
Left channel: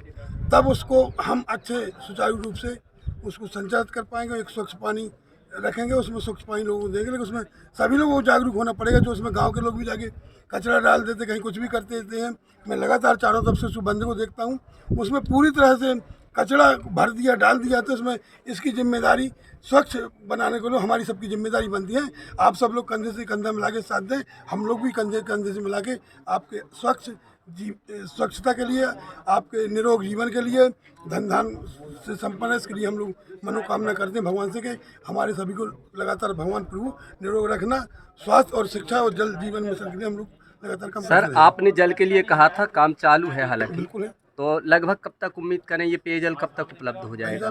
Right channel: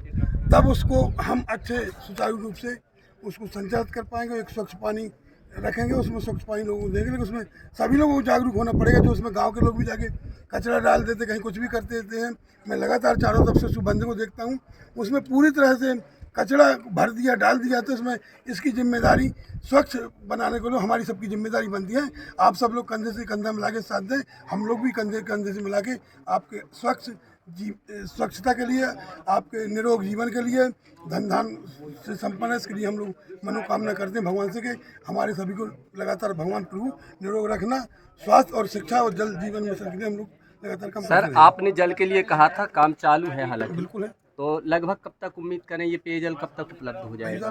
तब उसको हम अच्छे सुचारू रूप से उसको संचालित कर पाएंगे। एक स्वच्छ पानी रखेंगे, उसमें स्वच्छ पानी लोगों को देंगे, लेकिन उसमें सभी लोगों को जागरूक होना पड़ेगा। जो उसमें गांव के लोग भी जाके कचरा डाल देते, कहीं कुछ भी करते देते हैं। मैं लगातार चारों तरफ से उस बंदे को देखता हूँ, उसमें पूरी तरह से कचरा भर दिया, डाल दिया। तो इसमें इसकी जिम्मेदारी स्वच्छ बनाने को हमारी सबकी जिम्मेदारी बनती है। आप सब लोग कंधे से कंधा मिला के साथ दें, हम लोग भी कंधे से मिला के आपके स्वच्छता के लिए, आपके निरोग जीवन के लिए, धन धान से संपन्न है, इसके लिए हम लोग मनोकामना करते हैं भगवान से कि हमारे सभी को लगातार भगवान प्रभु निरोग रखना। स्वास्थ्य और शिक्षा और जल जीवन मिशन के लिए हम लोग लगातार काम करते हैं। सर, आपने जल के लिए कहा था, काम चालू है हालांकि? बिल्कुल है। तो लगभग कब तक उम्मीद करें ये पेयजल कब तक उपलब्ध हो जाएगा?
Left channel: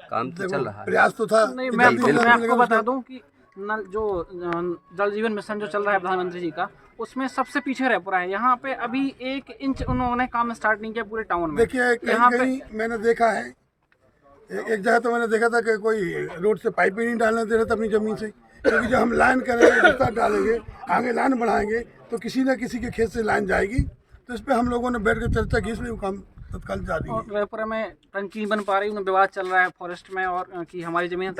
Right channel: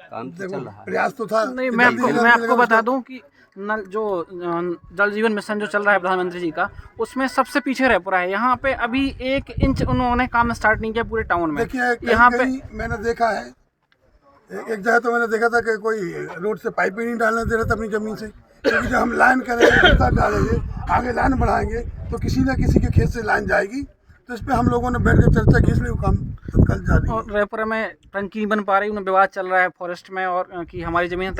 काम तो चल रहा है, प्रयास तो था। नहीं, मैं आपको बता दूं कि नल जो जल जीवन मिशन जो चल रहा है प्रधानमंत्री जी का, उसमें सबसे पीछे रेपुरा है। यहाँ पे अभी 1 इंच उन्होंने काम स्टार्ट नहीं किया पूरे टाउन में। देखिए, कहीं मैंने देखा है, एक जगह तो मैंने देखा था कि कोई रोड से पाइप ही नहीं डालने दे रहा था अपनी ज़मीन से, क्योंकि जब हम लाइन करेंगे, रास्ता डालेंगे, आगे लाइन बढ़ाएंगे तो किसी न किसी के खेत से लाइन जाएगी। तो इस पर हम लोगों ने बैठ कर चर्चा की, इसलिए वो काम तत्काल जारी है। रेपुरा में टंकी नहीं बन पा रही, उनमें विवाद चल रहा है फॉरेस्ट में, और कि हमारी जमीन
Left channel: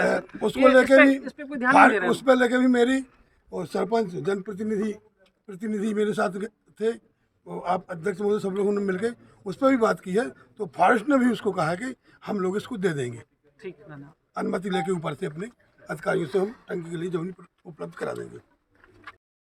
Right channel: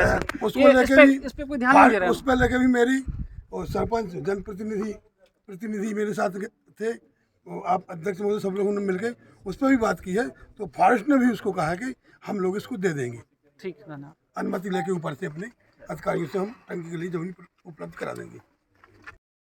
उसको लेके भी, इस पे कोई ध्यान नहीं दे रहा है। उस पर लेके भी मेरी और सरपंच जनप्रतिनिधि मेरे साथ थे, आप अध्यक्ष महोदय सब लोगों ने मिलकर उस पर भी बात की है। तो फॉरेस्ट ने भी उसको कहा है कि हम लोग इसको दे देंगे। ठीक है ना, अनुमति लेके ऊपर से अपने अधिकारियों से हम टंकी के लिए जमीन उपलब्ध करा देंगे।